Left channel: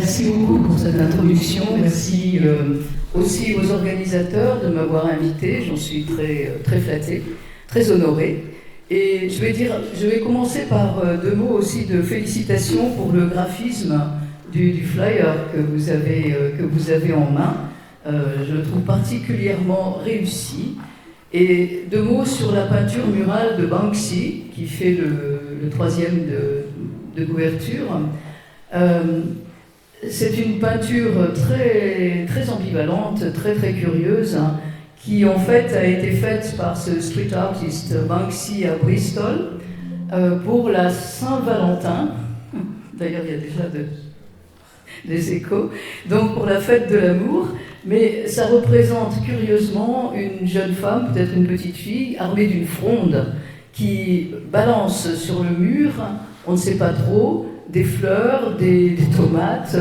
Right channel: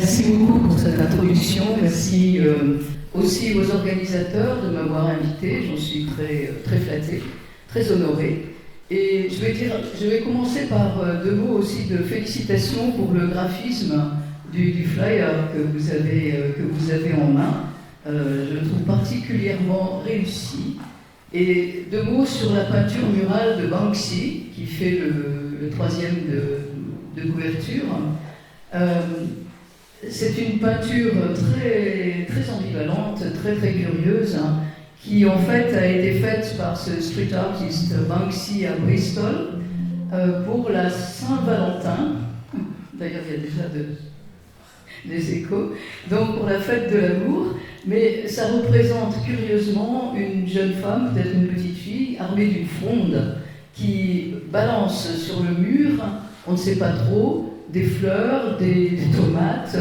Merci beaucoup pour cette introduction. Merci aussi aux organisateurs de m'avoir invité. J'en suis très flattée, très honorée. Et je vais commencer par deux mots aussi de félicitations pour le graphisme du flyer que vous avez en main. Je le trouve particulièrement réussi. Et deux mots sur la peinture murale de Banksy, qui fait le troisième de couverture. C'est une peinture très ambivalente, très curieuse, hein, qui en fait a été faite par ce street artist Banksy à Bristol pour la Saint-Valentin. D'ailleurs, il y a déjà des échos. Donc pour la fête de l'amour. Mais ça représente curieusement une jeune femme, peut-être une petite fille, armée d'une fronde qui balance sur le mur, on ne sait pas trop, des fleurs, des tomates,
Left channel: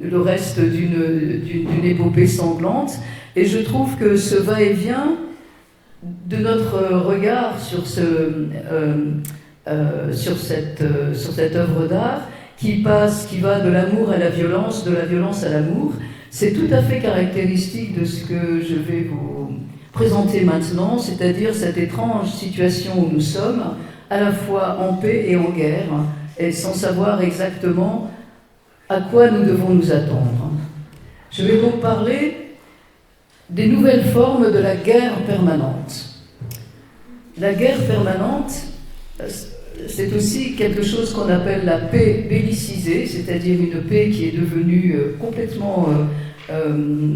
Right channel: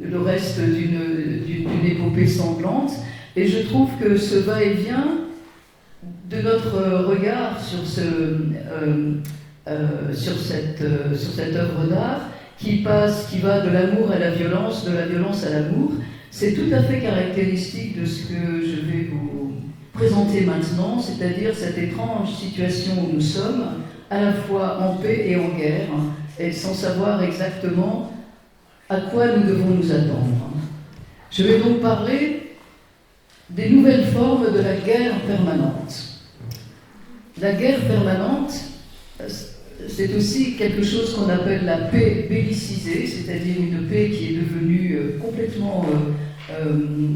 le reste d'une épopée sanglante. Et je trouve que ce va-et-vient de notre regard sur cette œuvre d'art qui va de l'amour à la violence, de la violence à l'amour, c'est tout à fait caractéristique de ce que je vais vous présenter maintenant, c'est-à-dire cette étrange situation où nous sommes, à la fois en paix et en guerre, et sans savoir exactement à quoi nous devons nous attendre. Je vais donc parler des nouvelles formes de la guerre permanente. La guerre permanente, c'est aussi quelque chose qu'on appelle la paix bellicisée, c'est-à-dire une paix qui est devenue complètement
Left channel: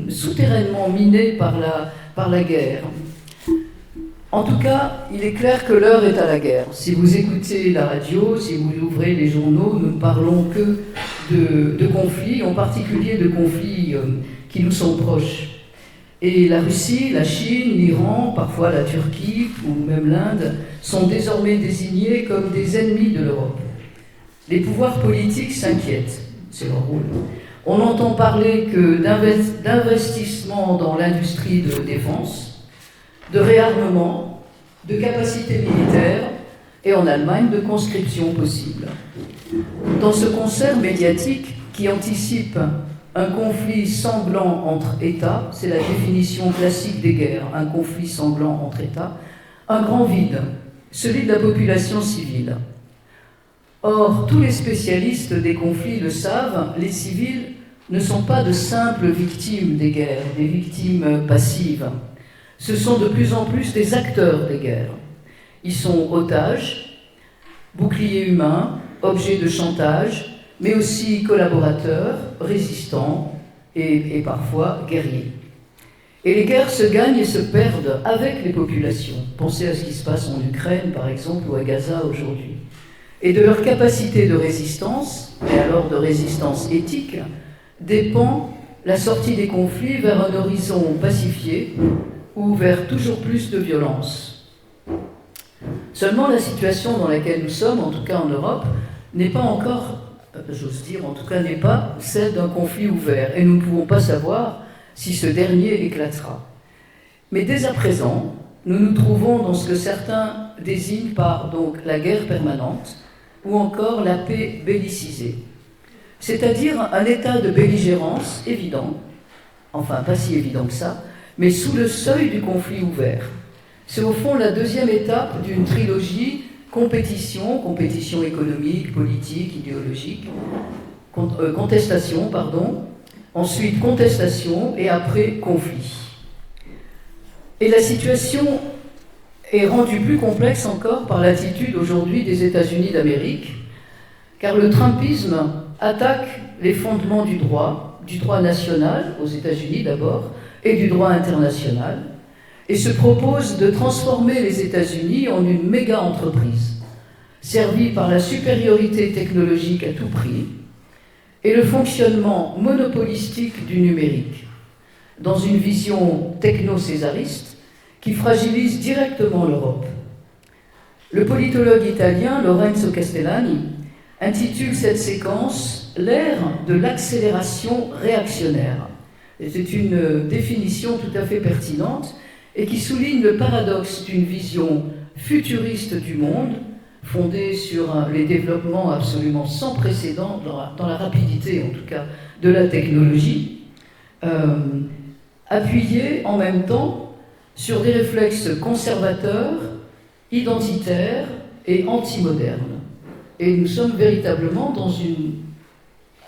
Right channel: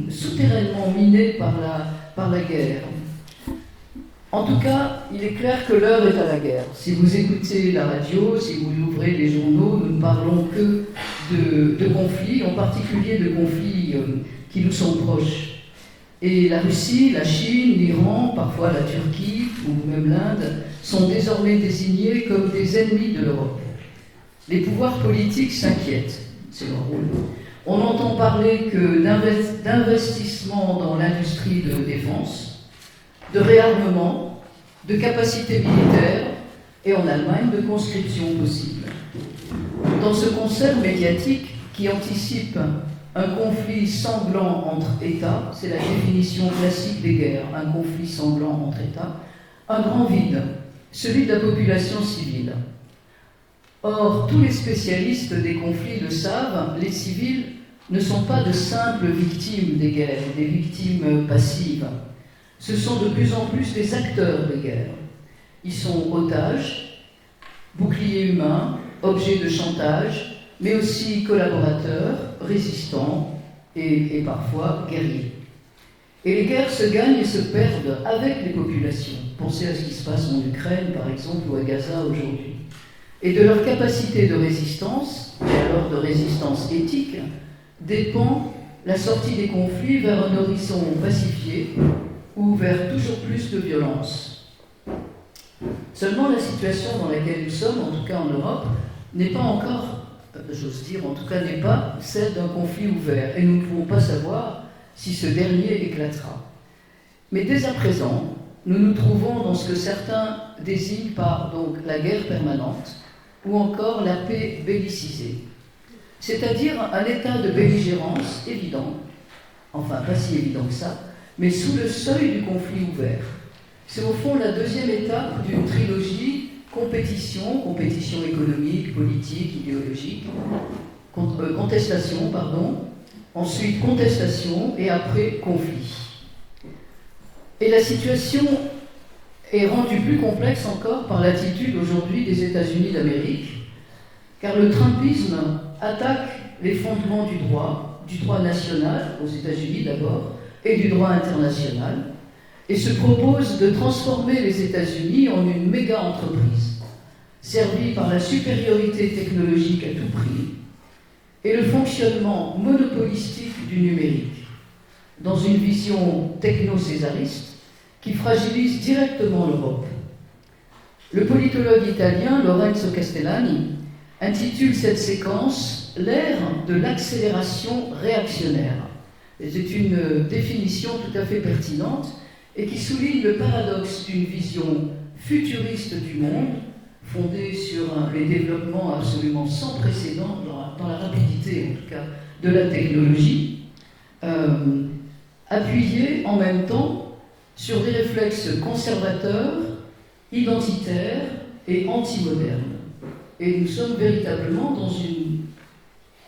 souterrainement minée par la guerre. En tout cas, il est clair que l'heure est à la guerre. Si vous écoutez la radio, si vous ouvrez les journaux, nous ne parlons que de conflits, en particulier de conflits qui nous sont proches. Et la Russie, la Chine, l'Iran, parfois la Turquie ou même l'Inde sont désormais désignés comme des ennemis de l'Europe. Les pouvoirs politiques s'inquiètent, c'est leur rôle. On n'entend parler que d'investissement dans l'industrie de défense, de réarmement, de capacités militaires et en Allemagne de conscription possible. Dans ce concert médiatique qui anticipe un conflit sanglant entre États, c'est la définition classique des guerres, un conflit sanglant entre États, un grand vide, celui de la population civile. Or, tous les spécialistes des conflits le savent, les civils ne sont pas de simples victimes des guerres, des victimes passives. Ce sont de plus en plus des acteurs des guerres. Ils sont otages, boucliers humains, objets de chantage, mais aussi collaborateurs, résistants et parfois guerriers. Et les guerres se gagnent et se perdent avec les populations. Pensez à ce qui se passe en Ukraine, par exemple, ou à Gaza aujourd'hui. Et de leur capacité de résistance, et alors de résistance éthique, dépend la sortie des conflits vers un horizon pacifié ou vers toujours plus de violence. Seulement, la situation dans laquelle nous sommes, en tout cas en Europe, n'est pas encore, j'ose dire, en tout cas n'est pas celle d'un conflit ouvert. Et nous ne pouvons pas savoir si ce dernier éclatera. Mais dès à présent, nous nous trouvons dans ce que certains désignent par donc la guerre permanente ou encore la paix bellicisée. C'est-à-dire un état de belligérance évident, enfin pas si évident que ça, mais sous le seuil du conflit ouvert. C'est au fond la deuxième étape d'une trilogie compétition économique, politique, idéologique, contestation, ensuite contestation et après conflit. Et la situation est rendue plus complexe encore par l'attitude aujourd'hui des États-Unis d'Amérique, car le trumpisme attaque les fondements du droit national, aux États-Unis d'abord, et du droit international, et se propose de transformer les États-Unis en une méga-entreprise, servie par la supériorité technologique à tout prix, et le fonctionnement monopolistique du numérique, dans une vision techno-césariste qui fragilise directement l'Europe. Le politologue italien Lorenzo Castellani intitule cette séquence « l'ère de l'accélération réactionnaire ». C'est une définition tout à fait pertinente et qui souligne le paradoxe d'une vision futuriste du monde fondée sur les développements absolument sans précédent, dans la rapidité en tout cas, de la technologie, appuyée en même temps sur des réflexes conservateurs, identitaires et antimodernes. Et nous sommes véritablement dans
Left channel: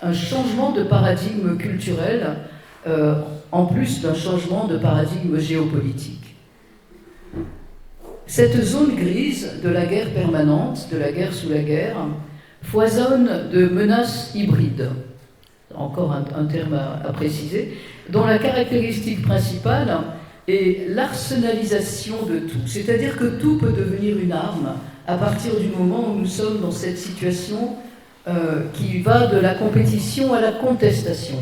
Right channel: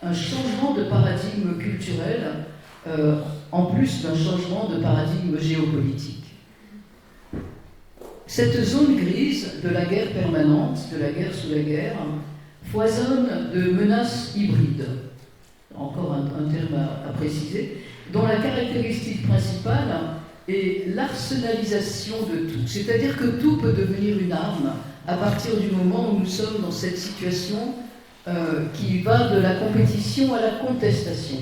un changement de paradigme culturel, en plus d'un changement de paradigme géopolitique. Cette zone grise de la guerre permanente, de la guerre sous la guerre, foisonne de menaces hybrides, encore un terme à préciser, dont la caractéristique principale est l'arsenalisation de tout. C'est-à-dire que tout peut devenir une arme à partir du moment où nous sommes dans cette situation qui va de la compétition à la contestation.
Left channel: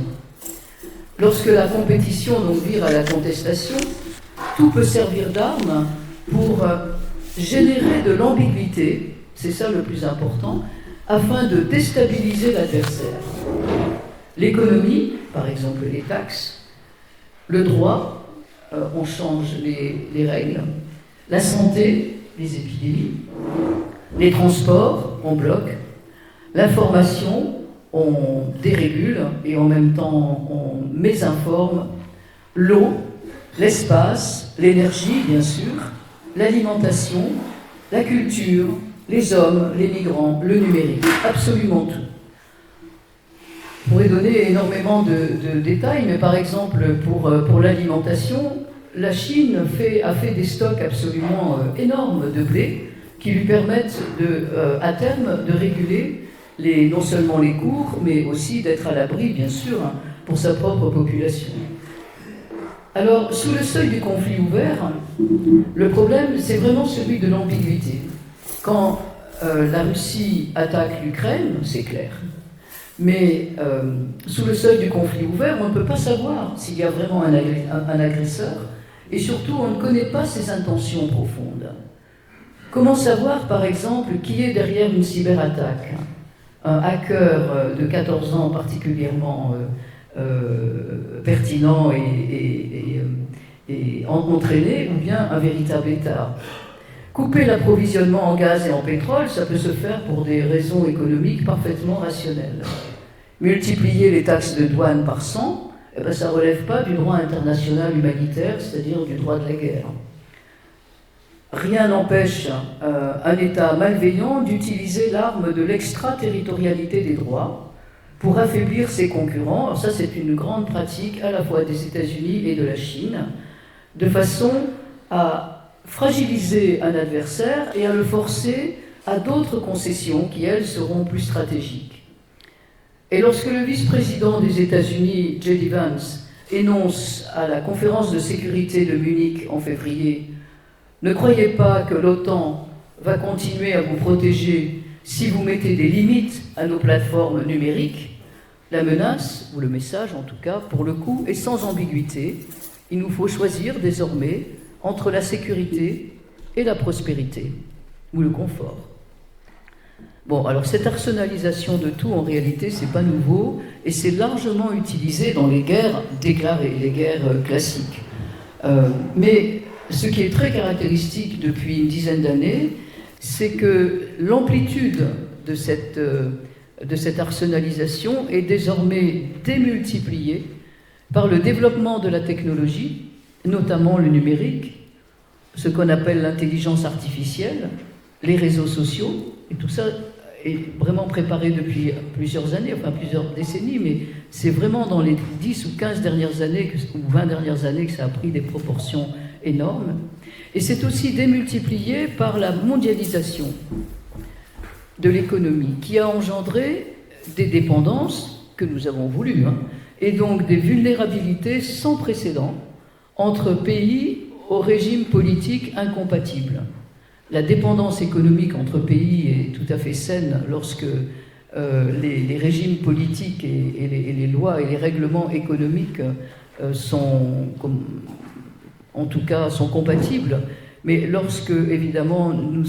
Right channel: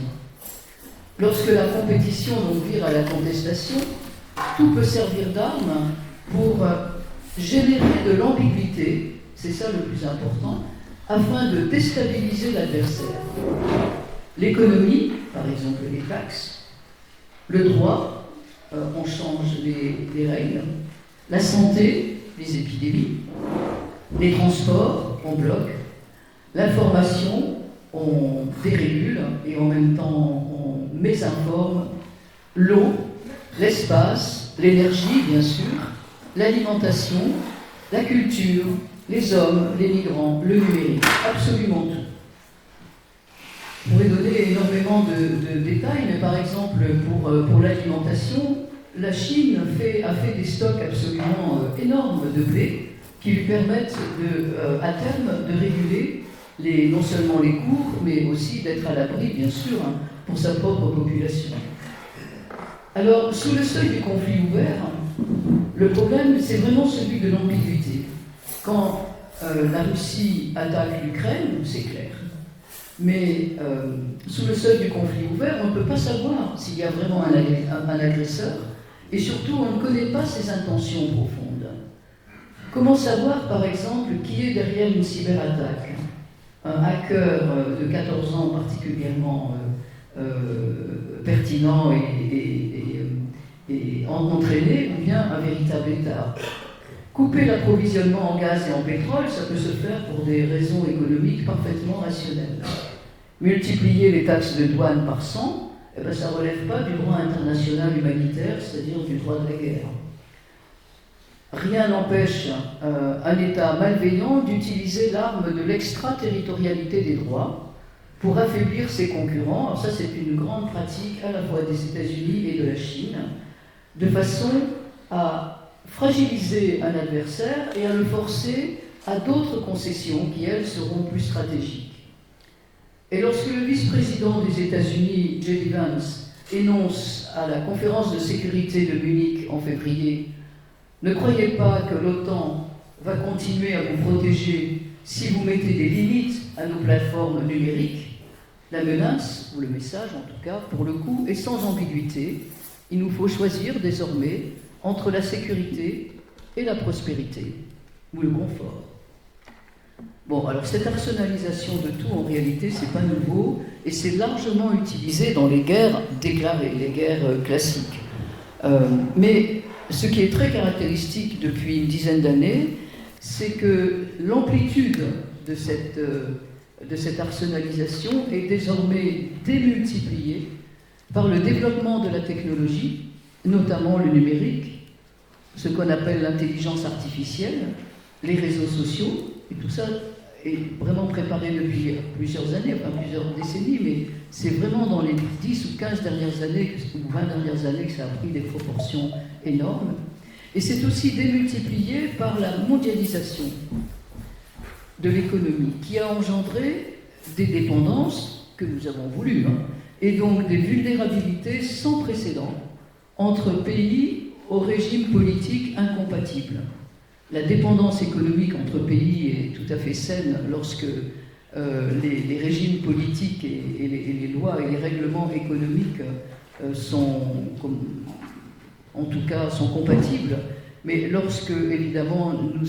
Lorsque la compétition donc vire à la contestation, tout peut servir d'arme pour générer de l'ambiguïté, c'est ça le plus important, afin de déstabiliser l'adversaire. L'économie, par exemple les taxes, le droit, on change les règles, la santé, les épidémies, les transports, on bloque, l'information, on dérégule et en même temps on mésinforme, l'eau, l'espace, l'énergie bien sûr, l'alimentation, la culture, les hommes, les migrants, le numérique, absolument tout. Je pourrais donner énormément de détails, mais par exemple pour l'alimentation, la Chine a fait des stocks absolument énormes de blé qui lui permettent à terme de réguler non seulement les cours, mais aussi d'être à l'abri, bien sûr, pour sa propre population. Alors, sous le seuil du conflit ouvert, le problème, c'est vraiment celui de l'ambiguïté. Quand la Russie attaque l'Ukraine, c'est clair. Mais sous le seuil du conflit ouvert, on ne peut pas savoir s'il y a vraiment un agresseur, et surtout, on ne connaît pas ses intentions profondes. Comment savoir, par exemple, qui est derrière une cyberattaque ? Un hacker de 14 ans particulièrement pertinent et entraîné, ou bien un véritable État. Couper l'approvisionnement en gaz et en pétrole, ça peut se faire pour des raisons économiques parfaitement rationnelles. Multiplier les taxes de douane par 100, eh ben, ça ne relève pas du droit international humanitaire, c'est-à-dire du droit de la guerre. Rien n'empêche un État malveillant d'utiliser l'arme de l'extraterritorialité des droits pour affaiblir ses concurrents. Alors ça, c'est une grande pratique à la fois des États-Unis et de la Chine, de façon à fragiliser un adversaire et à le forcer à d'autres concessions qui, elles, seront plus stratégiques. Et lorsque le vice-président des États-Unis, J.D. Vance, énonce à la conférence de sécurité de Munich en février « Ne croyez pas que l'OTAN va continuer à vous protéger si vous mettez des limites à nos plateformes numériques », la menace, ou le message en tout cas, pour le coup, est sans ambiguïté. Il nous faut choisir désormais entre la sécurité et la prospérité, ou le confort. Bon, alors cette arsenalisation de tout, en réalité, c'est pas nouveau, et c'est largement utilisé dans les guerres déclarées, les guerres classiques. Mais ce qui est très caractéristique depuis une dizaine d'années, c'est que l'amplitude de cette arsenalisation est désormais démultipliée par le développement de la technologie, notamment le numérique, ce qu'on appelle l'intelligence artificielle, les réseaux sociaux, et tout ça est vraiment préparé depuis plusieurs années, enfin plusieurs décennies, mais c'est vraiment dans les 10 ou 15 dernières années, ou 20 dernières années que ça a pris des proportions énormes. Et c'est aussi démultiplié par la mondialisation de l'économie, qui a engendré des dépendances que nous avons voulues, et donc des vulnérabilités sans précédent entre pays au régime politique incompatible. La dépendance économique entre pays est tout à fait saine lorsque les régimes politiques et les lois et les règlements économiques en tout cas sont compatibles, mais lorsque évidemment nous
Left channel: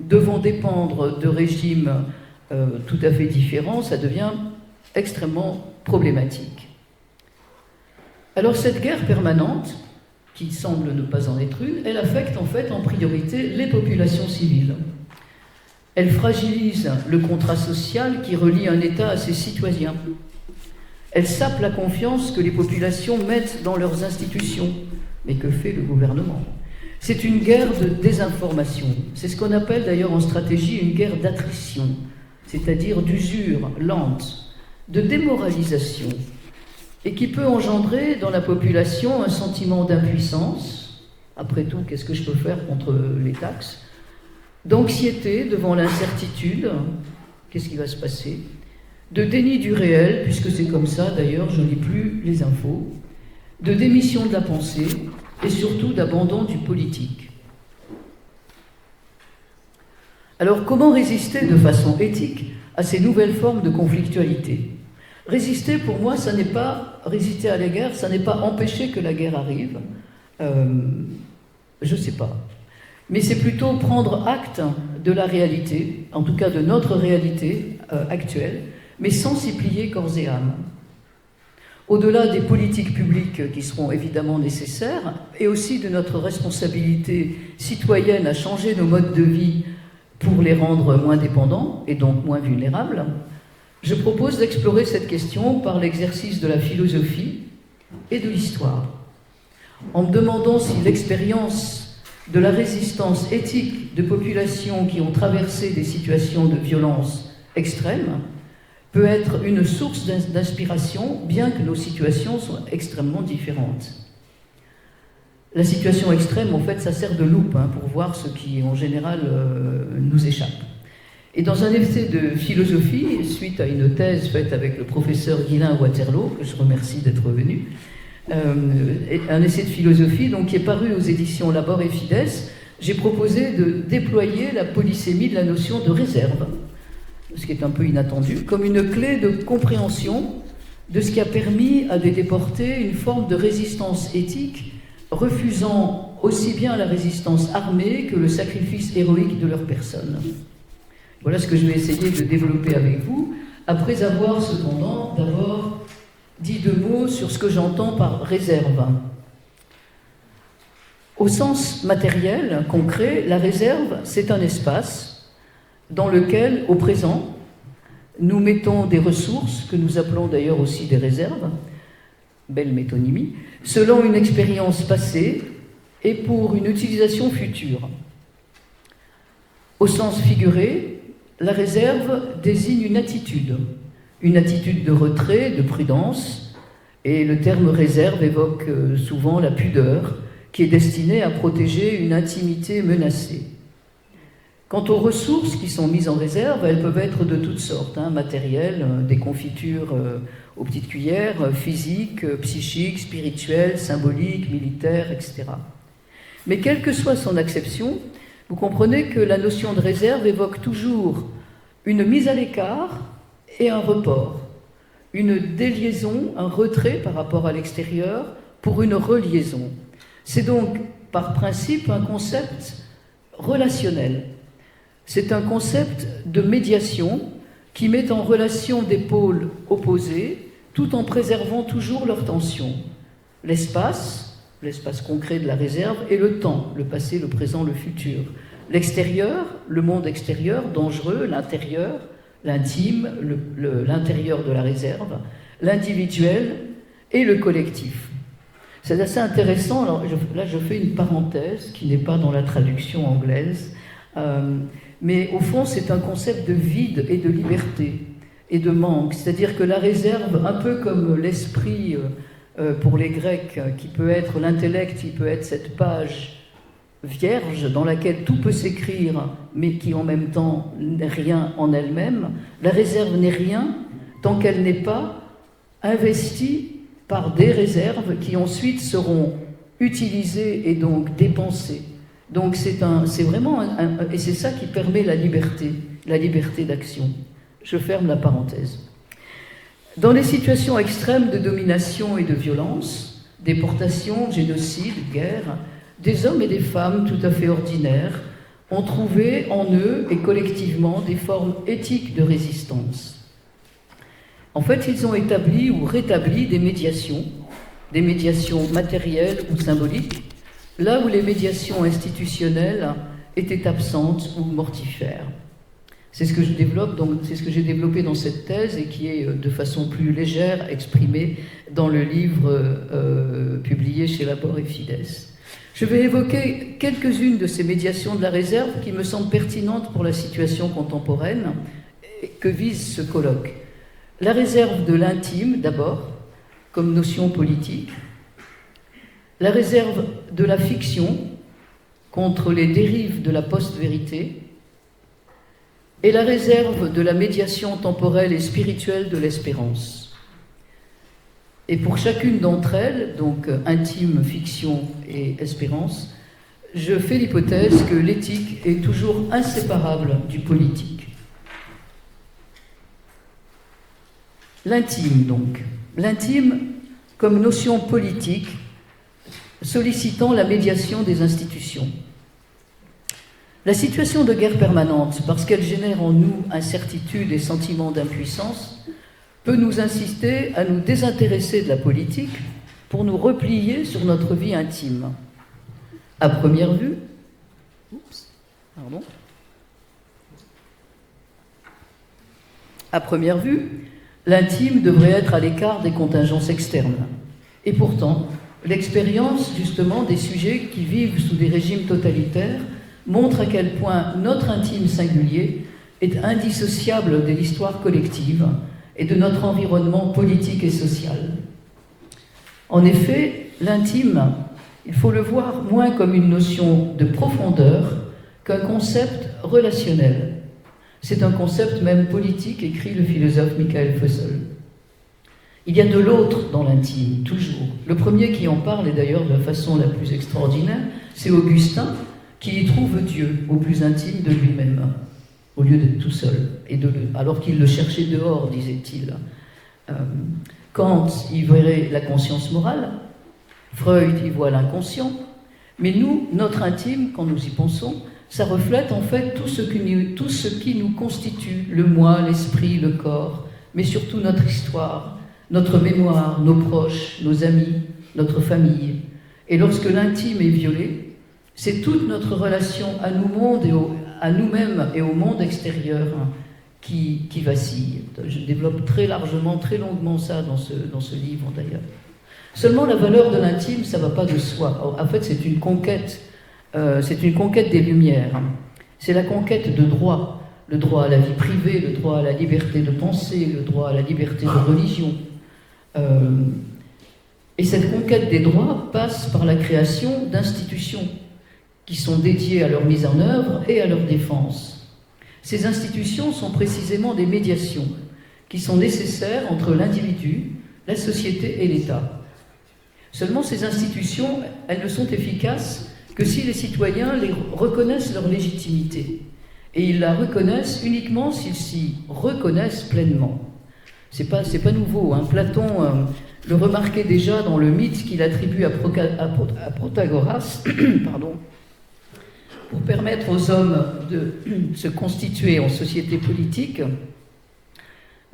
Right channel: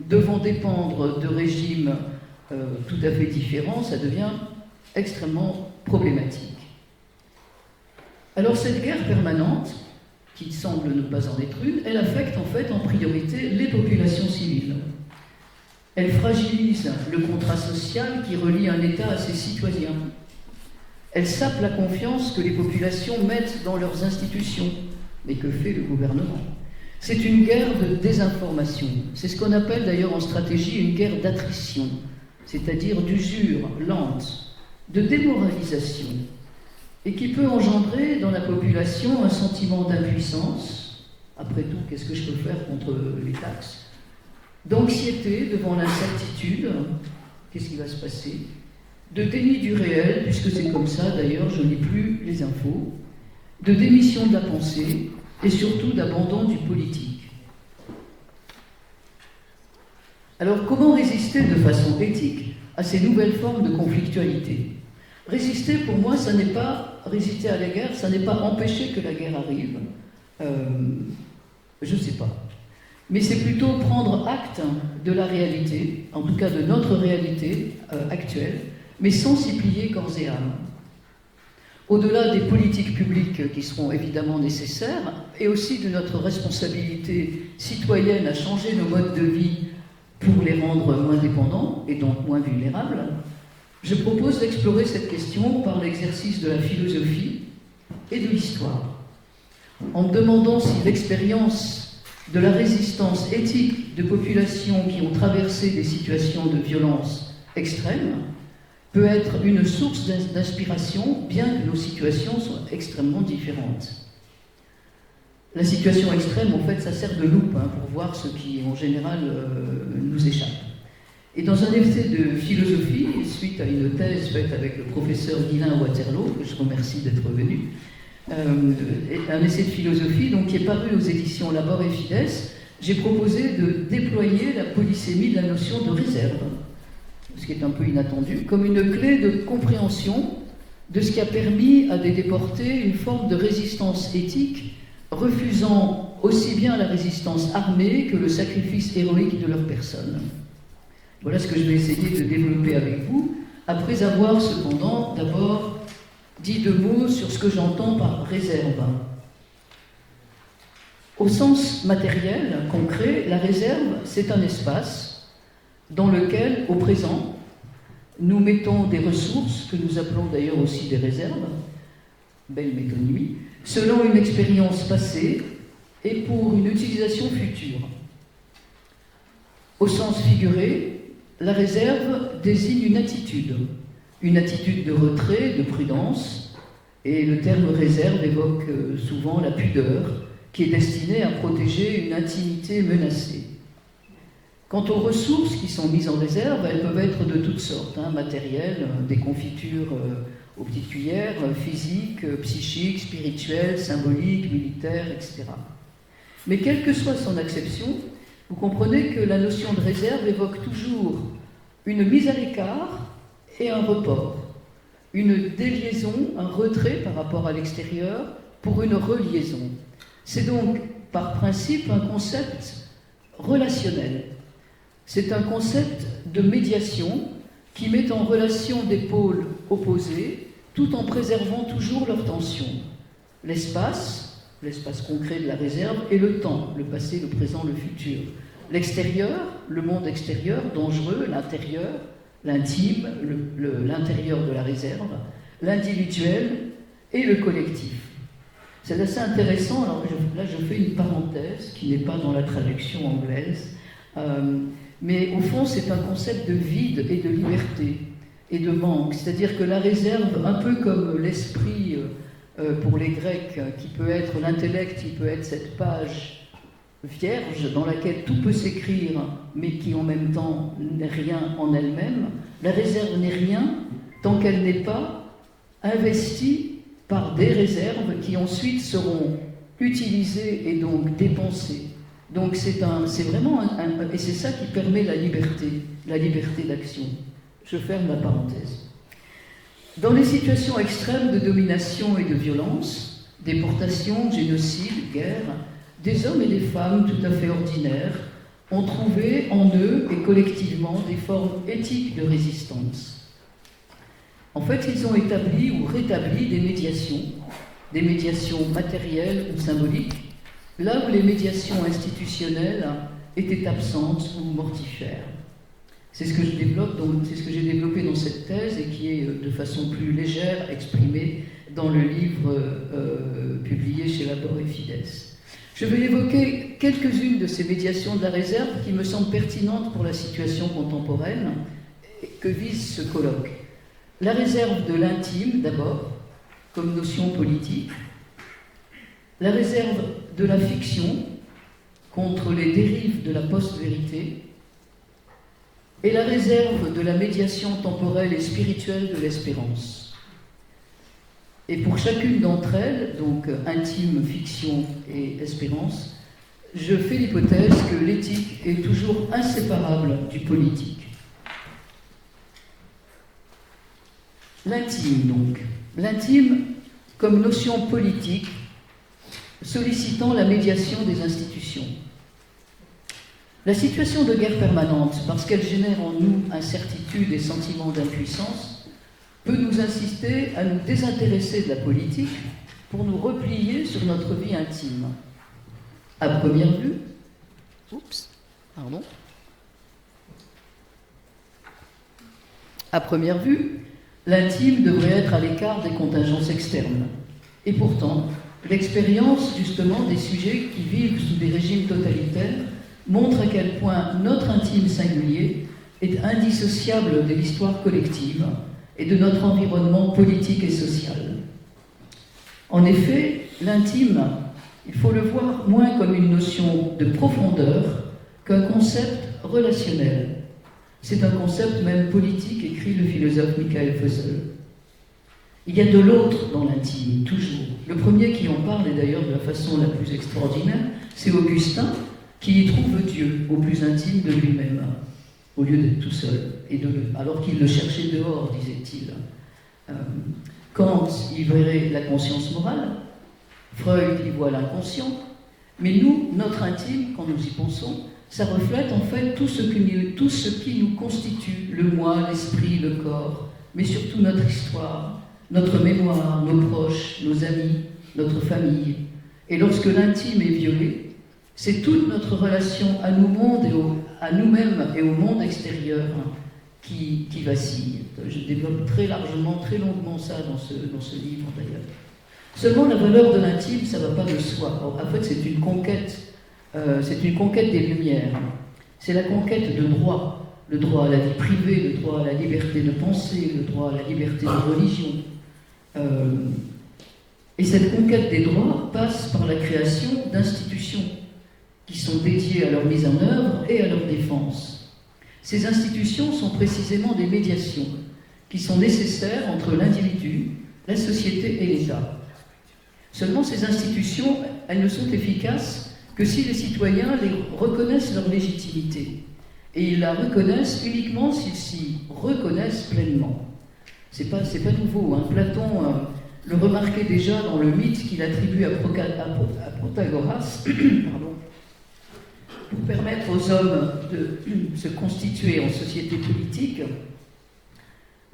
devons dépendre de régimes tout à fait différents, ça devient extrêmement problématique. Alors cette guerre permanente, qui semble ne pas en être une, elle affecte en fait en priorité les populations civiles. Elle fragilise le contrat social qui relie un État à ses citoyens. Elle sape la confiance que les populations mettent dans leurs institutions. Mais que fait le gouvernement? C'est une guerre de désinformation. C'est ce qu'on appelle d'ailleurs en stratégie une guerre d'attrition, c'est-à-dire d'usure lente, de démoralisation, et qui peut engendrer dans la population un sentiment d'impuissance. Après tout, qu'est-ce que je peux faire contre les taxes? D'anxiété devant l'incertitude, qu'est-ce qui va se passer? De déni du réel, puisque c'est comme ça d'ailleurs, je ne lis plus les infos, de démission de la pensée et surtout d'abandon du politique. Alors comment résister de façon éthique à ces nouvelles formes de conflictualité? Résister, pour moi, ça n'est pas résister à la guerre, ça n'est pas empêcher que la guerre arrive, je ne sais pas. Mais c'est plutôt prendre acte de la réalité, en tout cas de notre réalité actuelle, mais sans s'y plier corps et âme. Au-delà des politiques publiques qui seront évidemment nécessaires, et aussi de notre responsabilité citoyenne à changer nos modes de vie pour les rendre moins dépendants et donc moins vulnérables, je propose d'explorer cette question par l'exercice de la philosophie et de l'histoire, en me demandant si l'expérience de la résistance éthique de populations qui ont traversé des situations de violence extrême peut être une source d'inspiration, bien que nos situations soient extrêmement différentes. La situation extrême, en fait, ça sert de loupe pour voir ce qui, en général, nous échappe. Et dans un essai de philosophie, suite à une thèse faite avec le professeur Guylain Waterloo, que je remercie d'être venu, un essai de philosophie donc, qui est paru aux éditions Labor et Fides, j'ai proposé de déployer la polysémie de la notion de réserve, ce qui est un peu inattendu, comme une clé de compréhension de ce qui a permis à des déportés une forme de résistance éthique, refusant aussi bien la résistance armée que le sacrifice héroïque de leur personne. Voilà ce que je vais essayer de développer avec vous, après avoir cependant d'abord dit deux mots sur ce que j'entends par réserve. Au sens matériel, concret, la réserve, c'est un espace dans lequel, au présent, nous mettons des ressources, que nous appelons d'ailleurs aussi des réserves, belle métonymie, selon une expérience passée et pour une utilisation future. Au sens figuré, la réserve désigne une attitude de retrait, de prudence, et le terme réserve évoque souvent la pudeur, qui est destinée à protéger une intimité menacée. Quant aux ressources qui sont mises en réserve, elles peuvent être de toutes sortes, matérielles, des confitures aux petites cuillères, physiques, psychiques, spirituelles, symboliques, militaires, etc. Mais quelle que soit son acception, vous comprenez que la notion de réserve évoque toujours une mise à l'écart et un report, une déliaison, un retrait par rapport à l'extérieur pour une reliaison. C'est donc, par principe, un concept relationnel. C'est un concept de médiation qui met en relation des pôles opposés tout en préservant toujours leur tension. L'espace concret de la réserve, et le temps, le passé, le présent, le futur. L'extérieur, le monde extérieur, dangereux, l'intérieur, l'intime, l'intérieur de la réserve, l'individuel et le collectif. C'est assez intéressant, alors là je fais une parenthèse qui n'est pas dans la traduction anglaise, mais au fond c'est un concept de vide et de liberté et de manque, c'est-à-dire que la réserve, un peu comme l'esprit pour les Grecs, qui peut être l'intellect, qui peut être cette page vierge dans laquelle tout peut s'écrire, mais qui en même temps n'est rien en elle-même, la réserve n'est rien tant qu'elle n'est pas investie par des réserves qui ensuite seront utilisées et donc dépensées. Donc c'est vraiment et c'est ça qui permet la liberté d'action. Je ferme la parenthèse. Dans les situations extrêmes de domination et de violence, déportation, génocide, guerre, des hommes et des femmes tout à fait ordinaires ont trouvé en eux et collectivement des formes éthiques de résistance. En fait, ils ont établi ou rétabli des médiations matérielles ou symboliques, là où les médiations institutionnelles étaient absentes ou mortifères. C'est ce que je développe, c'est ce que j'ai développé dans cette thèse et qui est de façon plus légère exprimée dans le livre publié chez Labor et Fides. Je vais évoquer quelques-unes de ces médiations de la réserve qui me semblent pertinentes pour la situation contemporaine que vise ce colloque. La réserve de l'intime, d'abord, comme notion politique. La réserve de la fiction contre les dérives de la post-vérité. Et la réserve de la médiation temporelle et spirituelle de l'espérance. Et pour chacune d'entre elles, donc intime, fiction et espérance, je fais l'hypothèse que l'éthique est toujours inséparable du politique. L'intime, donc. L'intime comme notion politique sollicitant la médiation des institutions. La situation de guerre permanente, parce qu'elle génère en nous incertitude et sentiment d'impuissance, peut nous inciter à nous désintéresser de la politique pour nous replier sur notre vie intime. À première vue, à première vue, l'intime devrait être à l'écart des contingences externes. Et pourtant, l'expérience justement des sujets qui vivent sous des régimes totalitaires montre à quel point notre intime singulier est indissociable de l'histoire collective et de notre environnement politique et social. En effet, l'intime, il faut le voir moins comme une notion de profondeur qu'un concept relationnel. C'est un concept même politique, écrit le philosophe Michael Fussell. Il y a de l'autre dans l'intime, toujours. Le premier qui en parle, et d'ailleurs de la façon la plus extraordinaire, c'est Augustin, qui y trouve Dieu au plus intime de lui-même, au lieu d'être tout seul, alors qu'il le cherchait dehors, disait-il. Kant y verrait la conscience morale, Freud y voit l'inconscient, mais nous, notre intime, quand nous y pensons, ça reflète en fait tout ce qui nous constitue, le moi, l'esprit, le corps, mais surtout notre histoire, notre mémoire, nos proches, nos amis, notre famille. Et lorsque l'intime est violé, c'est toute notre relation à nous-mêmes et au monde extérieur qui vacille. Je développe très largement, très longuement ça dans ce livre d'ailleurs. Seulement la valeur de l'intime, ça ne va pas de soi. En fait, c'est une conquête des Lumières. C'est la conquête de droits. Le droit à la vie privée, le droit à la liberté de penser, le droit à la liberté de religion. Et cette conquête des droits passe par la création d'institutions qui sont dédiées à leur mise en œuvre et à leur défense. Ces institutions sont précisément des médiations qui sont nécessaires entre l'individu, la société et l'État. Seulement, ces institutions, elles ne sont efficaces que si les citoyens reconnaissent leur légitimité. Et ils la reconnaissent uniquement s'ils s'y reconnaissent pleinement. C'est pas nouveau, hein. Platon le remarquait déjà dans le mythe qu'il attribue à Protagoras, pardon, pour permettre aux hommes de se constituer en société politique.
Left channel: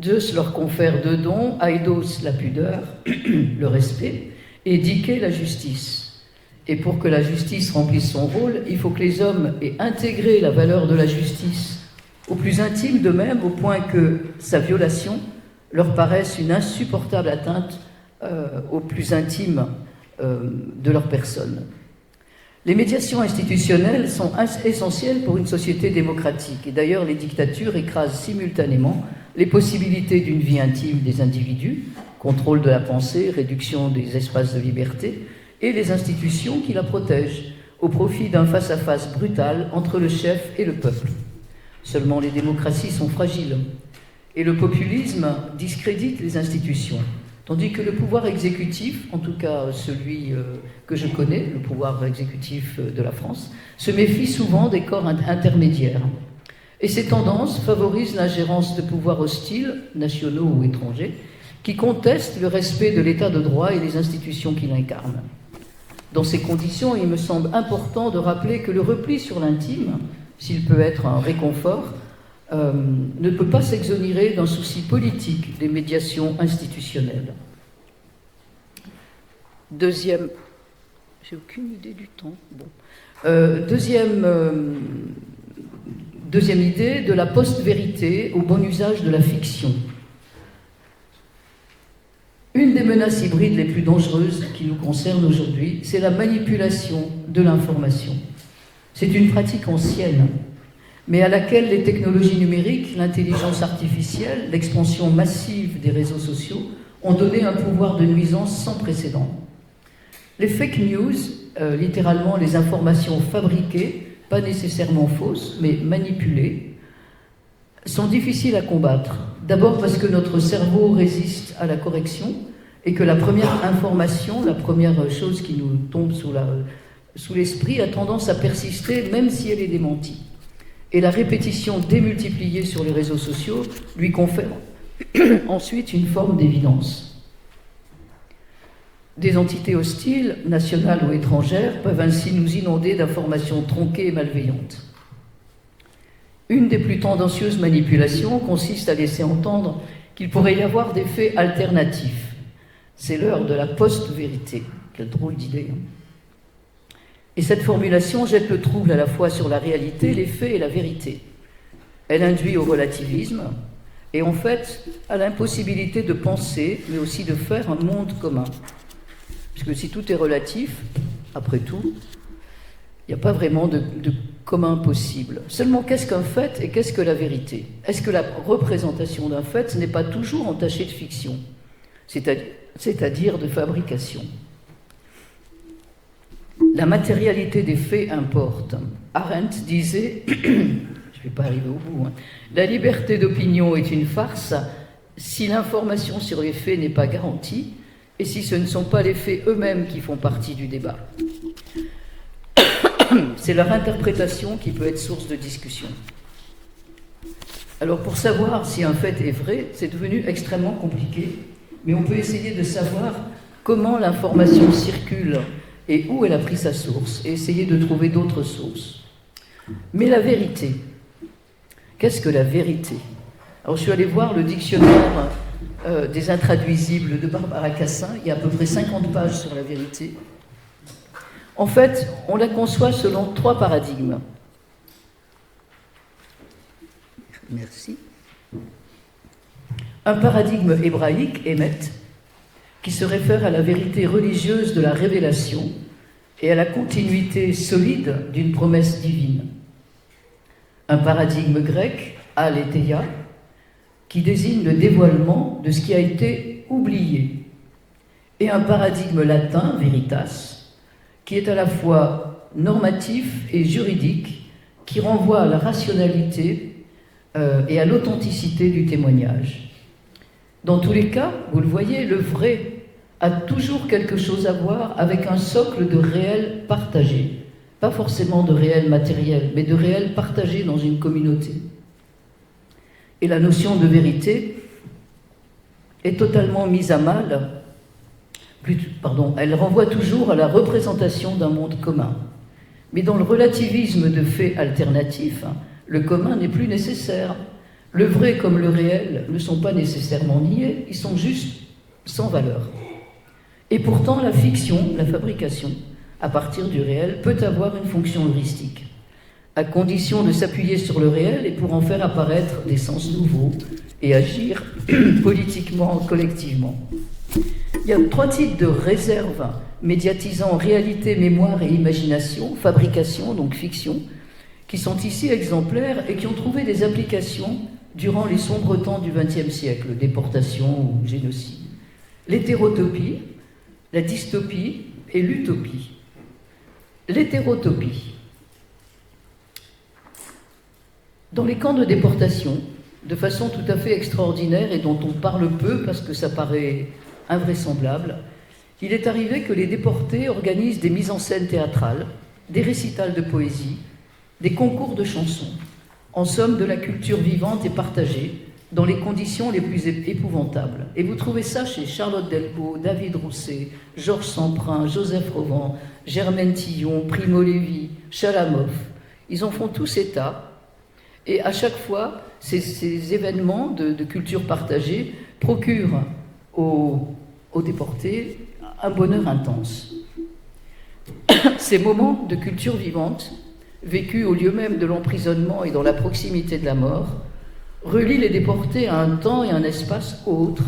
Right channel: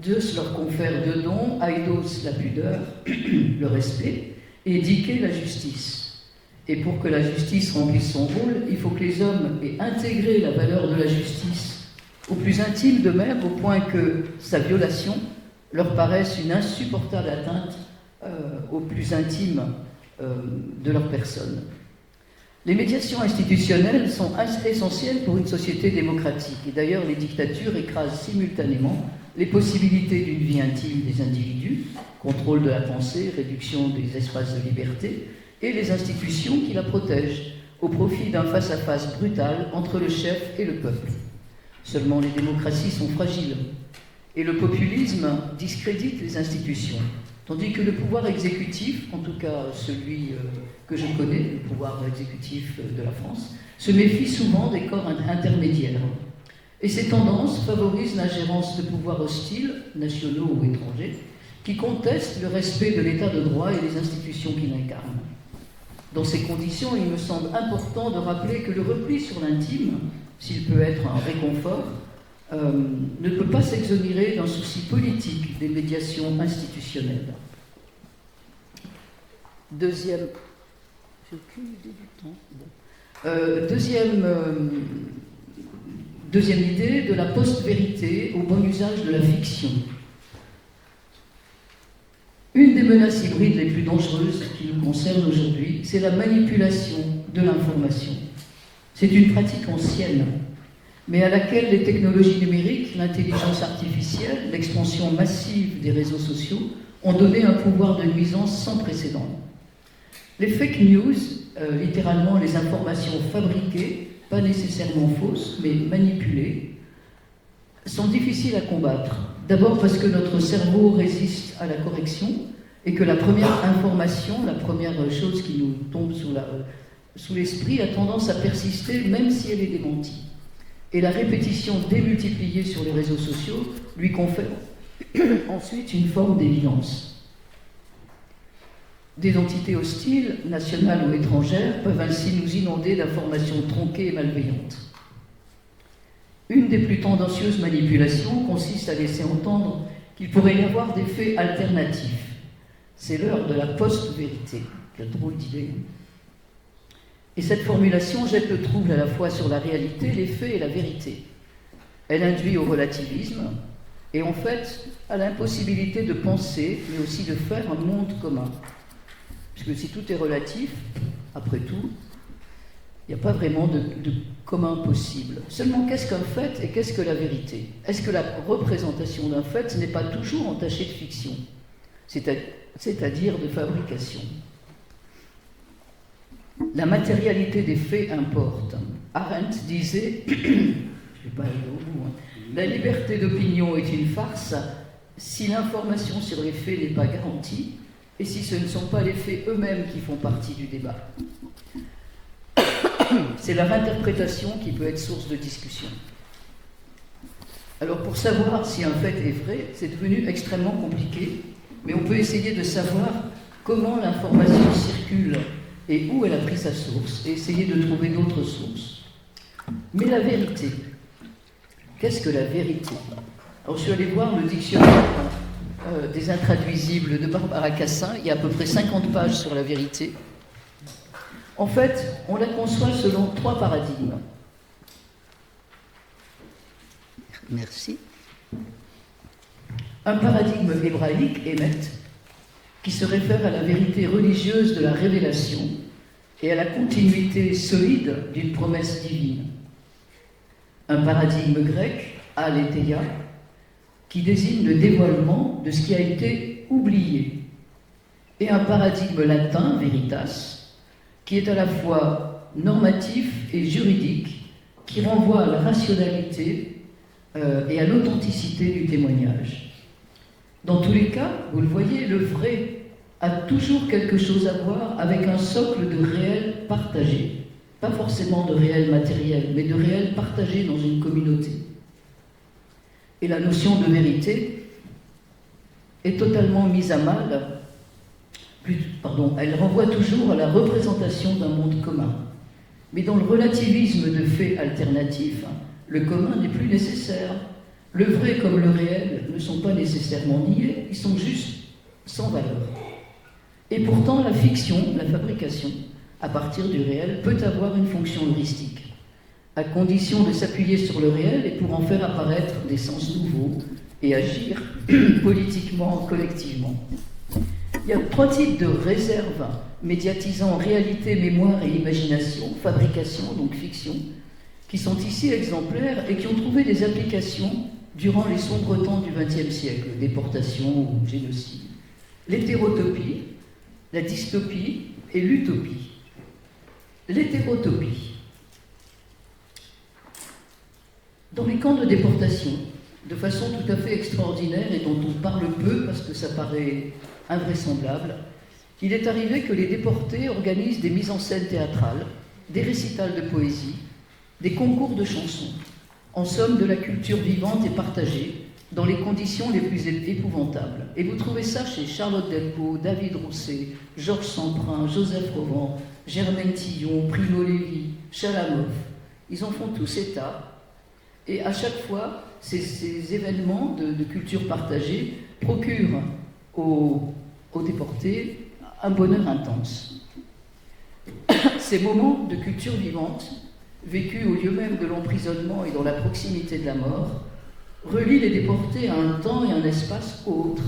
Zeus leur confère deux dons, Aidos la pudeur, le respect, et Dike la justice. Et pour que la justice remplisse son rôle, il faut que les hommes aient intégré la valeur de la justice au plus intime d'eux-mêmes, au point que sa violation leur paraisse une insupportable atteinte au plus intime de leur personne. Les médiations institutionnelles sont essentielles pour une société démocratique. Et d'ailleurs, les dictatures écrasent simultanément les possibilités d'une vie intime des individus, contrôle de la pensée, réduction des espaces de liberté, et les institutions qui la protègent, au profit d'un face-à-face brutal entre le chef et le peuple. Seulement, les démocraties sont fragiles, et le populisme discrédite les institutions, tandis que le pouvoir exécutif, en tout cas celui que je connais, le pouvoir exécutif de la France, se méfie souvent des corps intermédiaires. Et ces tendances favorisent l'ingérence de pouvoirs hostiles, nationaux ou étrangers, qui contestent le respect de l'état de droit et des institutions qui l'incarnent. Dans ces conditions, il me semble important de rappeler que le repli sur l'intime, s'il peut être un réconfort, ne peut pas s'exonérer d'un souci politique des médiations institutionnelles. Deuxième... J'ai aucune idée du temps. Bon. Deuxième idée, de la post-vérité au bon usage de la fiction. Une des menaces hybrides les plus dangereuses qui nous concernent aujourd'hui, c'est la manipulation de l'information. C'est une pratique ancienne, mais à laquelle les technologies numériques, l'intelligence artificielle, l'expansion massive des réseaux sociaux ont donné un pouvoir de nuisance sans précédent. Les fake news, littéralement les informations fabriquées, pas nécessairement fausses, mais manipulées, sont difficiles à combattre. D'abord parce que notre cerveau résiste à la correction et que la première information, la première chose qui nous tombe sous l'esprit a tendance à persister même si elle est démentie. Et la répétition démultipliée sur les réseaux sociaux lui confère ensuite une forme d'évidence. Des entités hostiles, nationales ou étrangères, peuvent ainsi nous inonder d'informations tronquées et malveillantes. Une des plus tendancieuses manipulations consiste à laisser entendre qu'il pourrait y avoir des faits alternatifs. C'est l'heure de la post-vérité. Quelle drôle d'idée. Et cette formulation jette le trouble à la fois sur la réalité, les faits et la vérité. Elle induit au relativisme et en fait à l'impossibilité de penser, mais aussi de faire un monde commun. Puisque si tout est relatif, après tout, il n'y a pas vraiment de commun possible. Seulement, qu'est-ce qu'un fait et qu'est-ce que la vérité? Est-ce que la représentation d'un fait n'est pas toujours entachée de fiction, c'est-à-dire de fabrication? La matérialité des faits importe. Arendt disait, je ne vais pas arriver au bout, la liberté d'opinion est une farce si l'information sur les faits n'est pas garantie et si ce ne sont pas les faits eux-mêmes qui font partie du débat. C'est leur interprétation qui peut être source de discussion. Alors pour savoir si un fait est vrai, c'est devenu extrêmement compliqué, mais on peut essayer de savoir comment l'information circule et où elle a pris sa source, et essayer de trouver d'autres sources. Mais la vérité, qu'est-ce que la vérité? Alors je suis allée voir le dictionnaire des intraduisibles de Barbara Cassin, il y a à peu près 50 pages sur la vérité. En fait, on la conçoit selon 3 paradigmes. Merci. Un paradigme hébraïque, Émet, qui se réfère à la vérité religieuse de la révélation et à la continuité solide d'une promesse divine. Un paradigme grec, aletheia, qui désigne le dévoilement de ce qui a été oublié. Et un paradigme latin, veritas, qui est à la fois normatif et juridique, qui renvoie à la rationalité et à l'authenticité du témoignage. Dans tous les cas, vous le voyez, le vrai a toujours quelque chose à voir avec un socle de réel partagé, pas forcément de réel matériel, mais de réel partagé dans une communauté. Et la notion de vérité est totalement mise à mal. Elle renvoie toujours à la représentation d'un monde commun. Mais dans le relativisme de faits alternatifs, le commun n'est plus nécessaire. Le vrai comme le réel ne sont pas nécessairement niés, ils sont juste sans valeur. Et pourtant, la fiction, la fabrication, à partir du réel, peut avoir une fonction heuristique, à condition de s'appuyer sur le réel et pour en faire apparaître des sens nouveaux et agir politiquement, collectivement. Il y a 3 types de réserves médiatisant réalité, mémoire et imagination, fabrication, donc fiction, qui sont ici exemplaires et qui ont trouvé des applications durant les sombres temps du XXe siècle, déportation ou génocide. L'hétérotopie, la dystopie et l'utopie. L'hétérotopie. Dans les camps de déportation, de façon tout à fait extraordinaire et dont on parle peu parce que ça paraît invraisemblable, il est arrivé que les déportés organisent des mises en scène théâtrales, des récitals de poésie, des concours de chansons, en somme de la culture vivante et partagée, dans les conditions les plus épouvantables. Et vous trouvez ça chez Charlotte Delpo, David Rousset, Georges Semprin, Joseph Rovan, Germaine Tillon, Primo Levi, Chalamov. Ils en font tous état. Et à chaque fois, ces événements de culture partagée procurent aux déportés un bonheur intense. Ces moments de culture vivante vécue au lieu même de l'emprisonnement et dans la proximité de la mort, relie les déportés à un temps et un espace autres,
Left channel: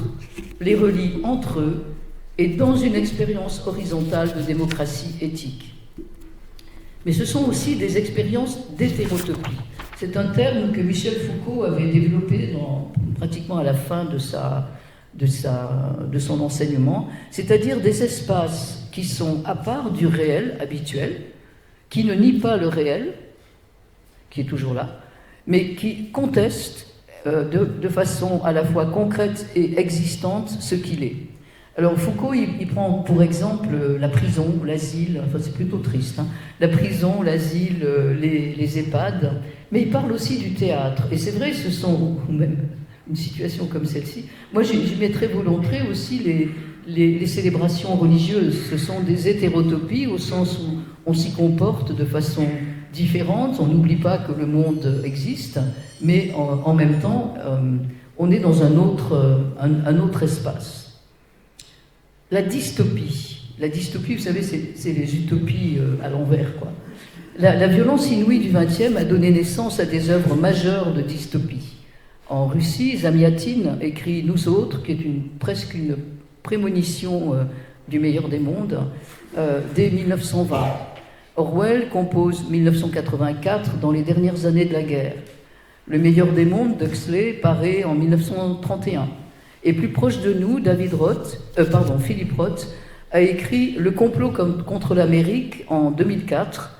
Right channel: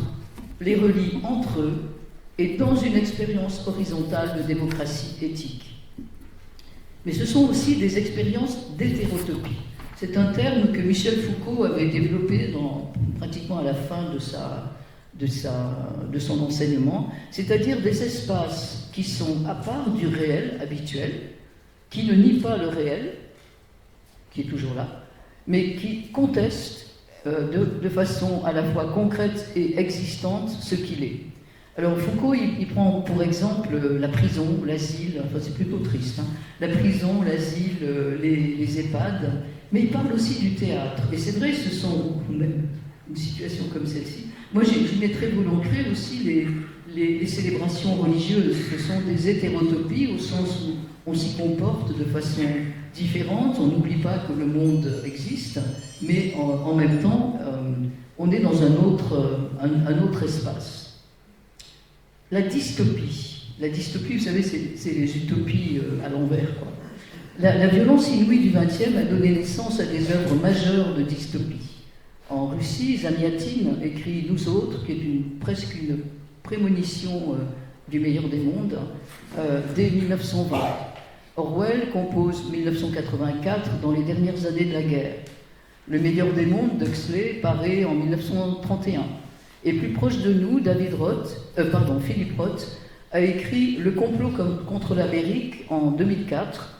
les relie entre eux et dans une expérience horizontale de démocratie éthique. Mais ce sont aussi des expériences d'hétérotopie. C'est un terme que Michel Foucault avait développé pratiquement à la fin de son enseignement, c'est-à-dire des espaces qui sont à part du réel habituel, qui ne nient pas le réel, qui est toujours là, mais qui contestent de façon à la fois concrète et existante ce qu'il est. Alors Foucault, il prend pour exemple la prison, l'asile, enfin c'est plutôt triste, hein, la prison, l'asile, les EHPAD, mais il parle aussi du théâtre. Et c'est vrai, ce sont, même une situation comme celle-ci, moi j'y mettrais volontiers aussi les célébrations religieuses. Ce sont des hétérotopies au sens où on s'y comporte de façon différente, on n'oublie pas que le monde existe, mais en même temps, on est dans un autre espace. La dystopie, vous savez, c'est les utopies à l'envers, quoi. La violence inouïe du XXe a donné naissance à des œuvres majeures de dystopie. En Russie, Zamyatin écrit « Nous autres », qui est presque une prémonition du meilleur des mondes, dès 1920. Orwell compose 1984 dans les dernières années de la guerre. Le meilleur des mondes d'Huxley paraît en 1931. Et plus proche de nous, Philippe Roth a écrit Le complot contre l'Amérique en 2004,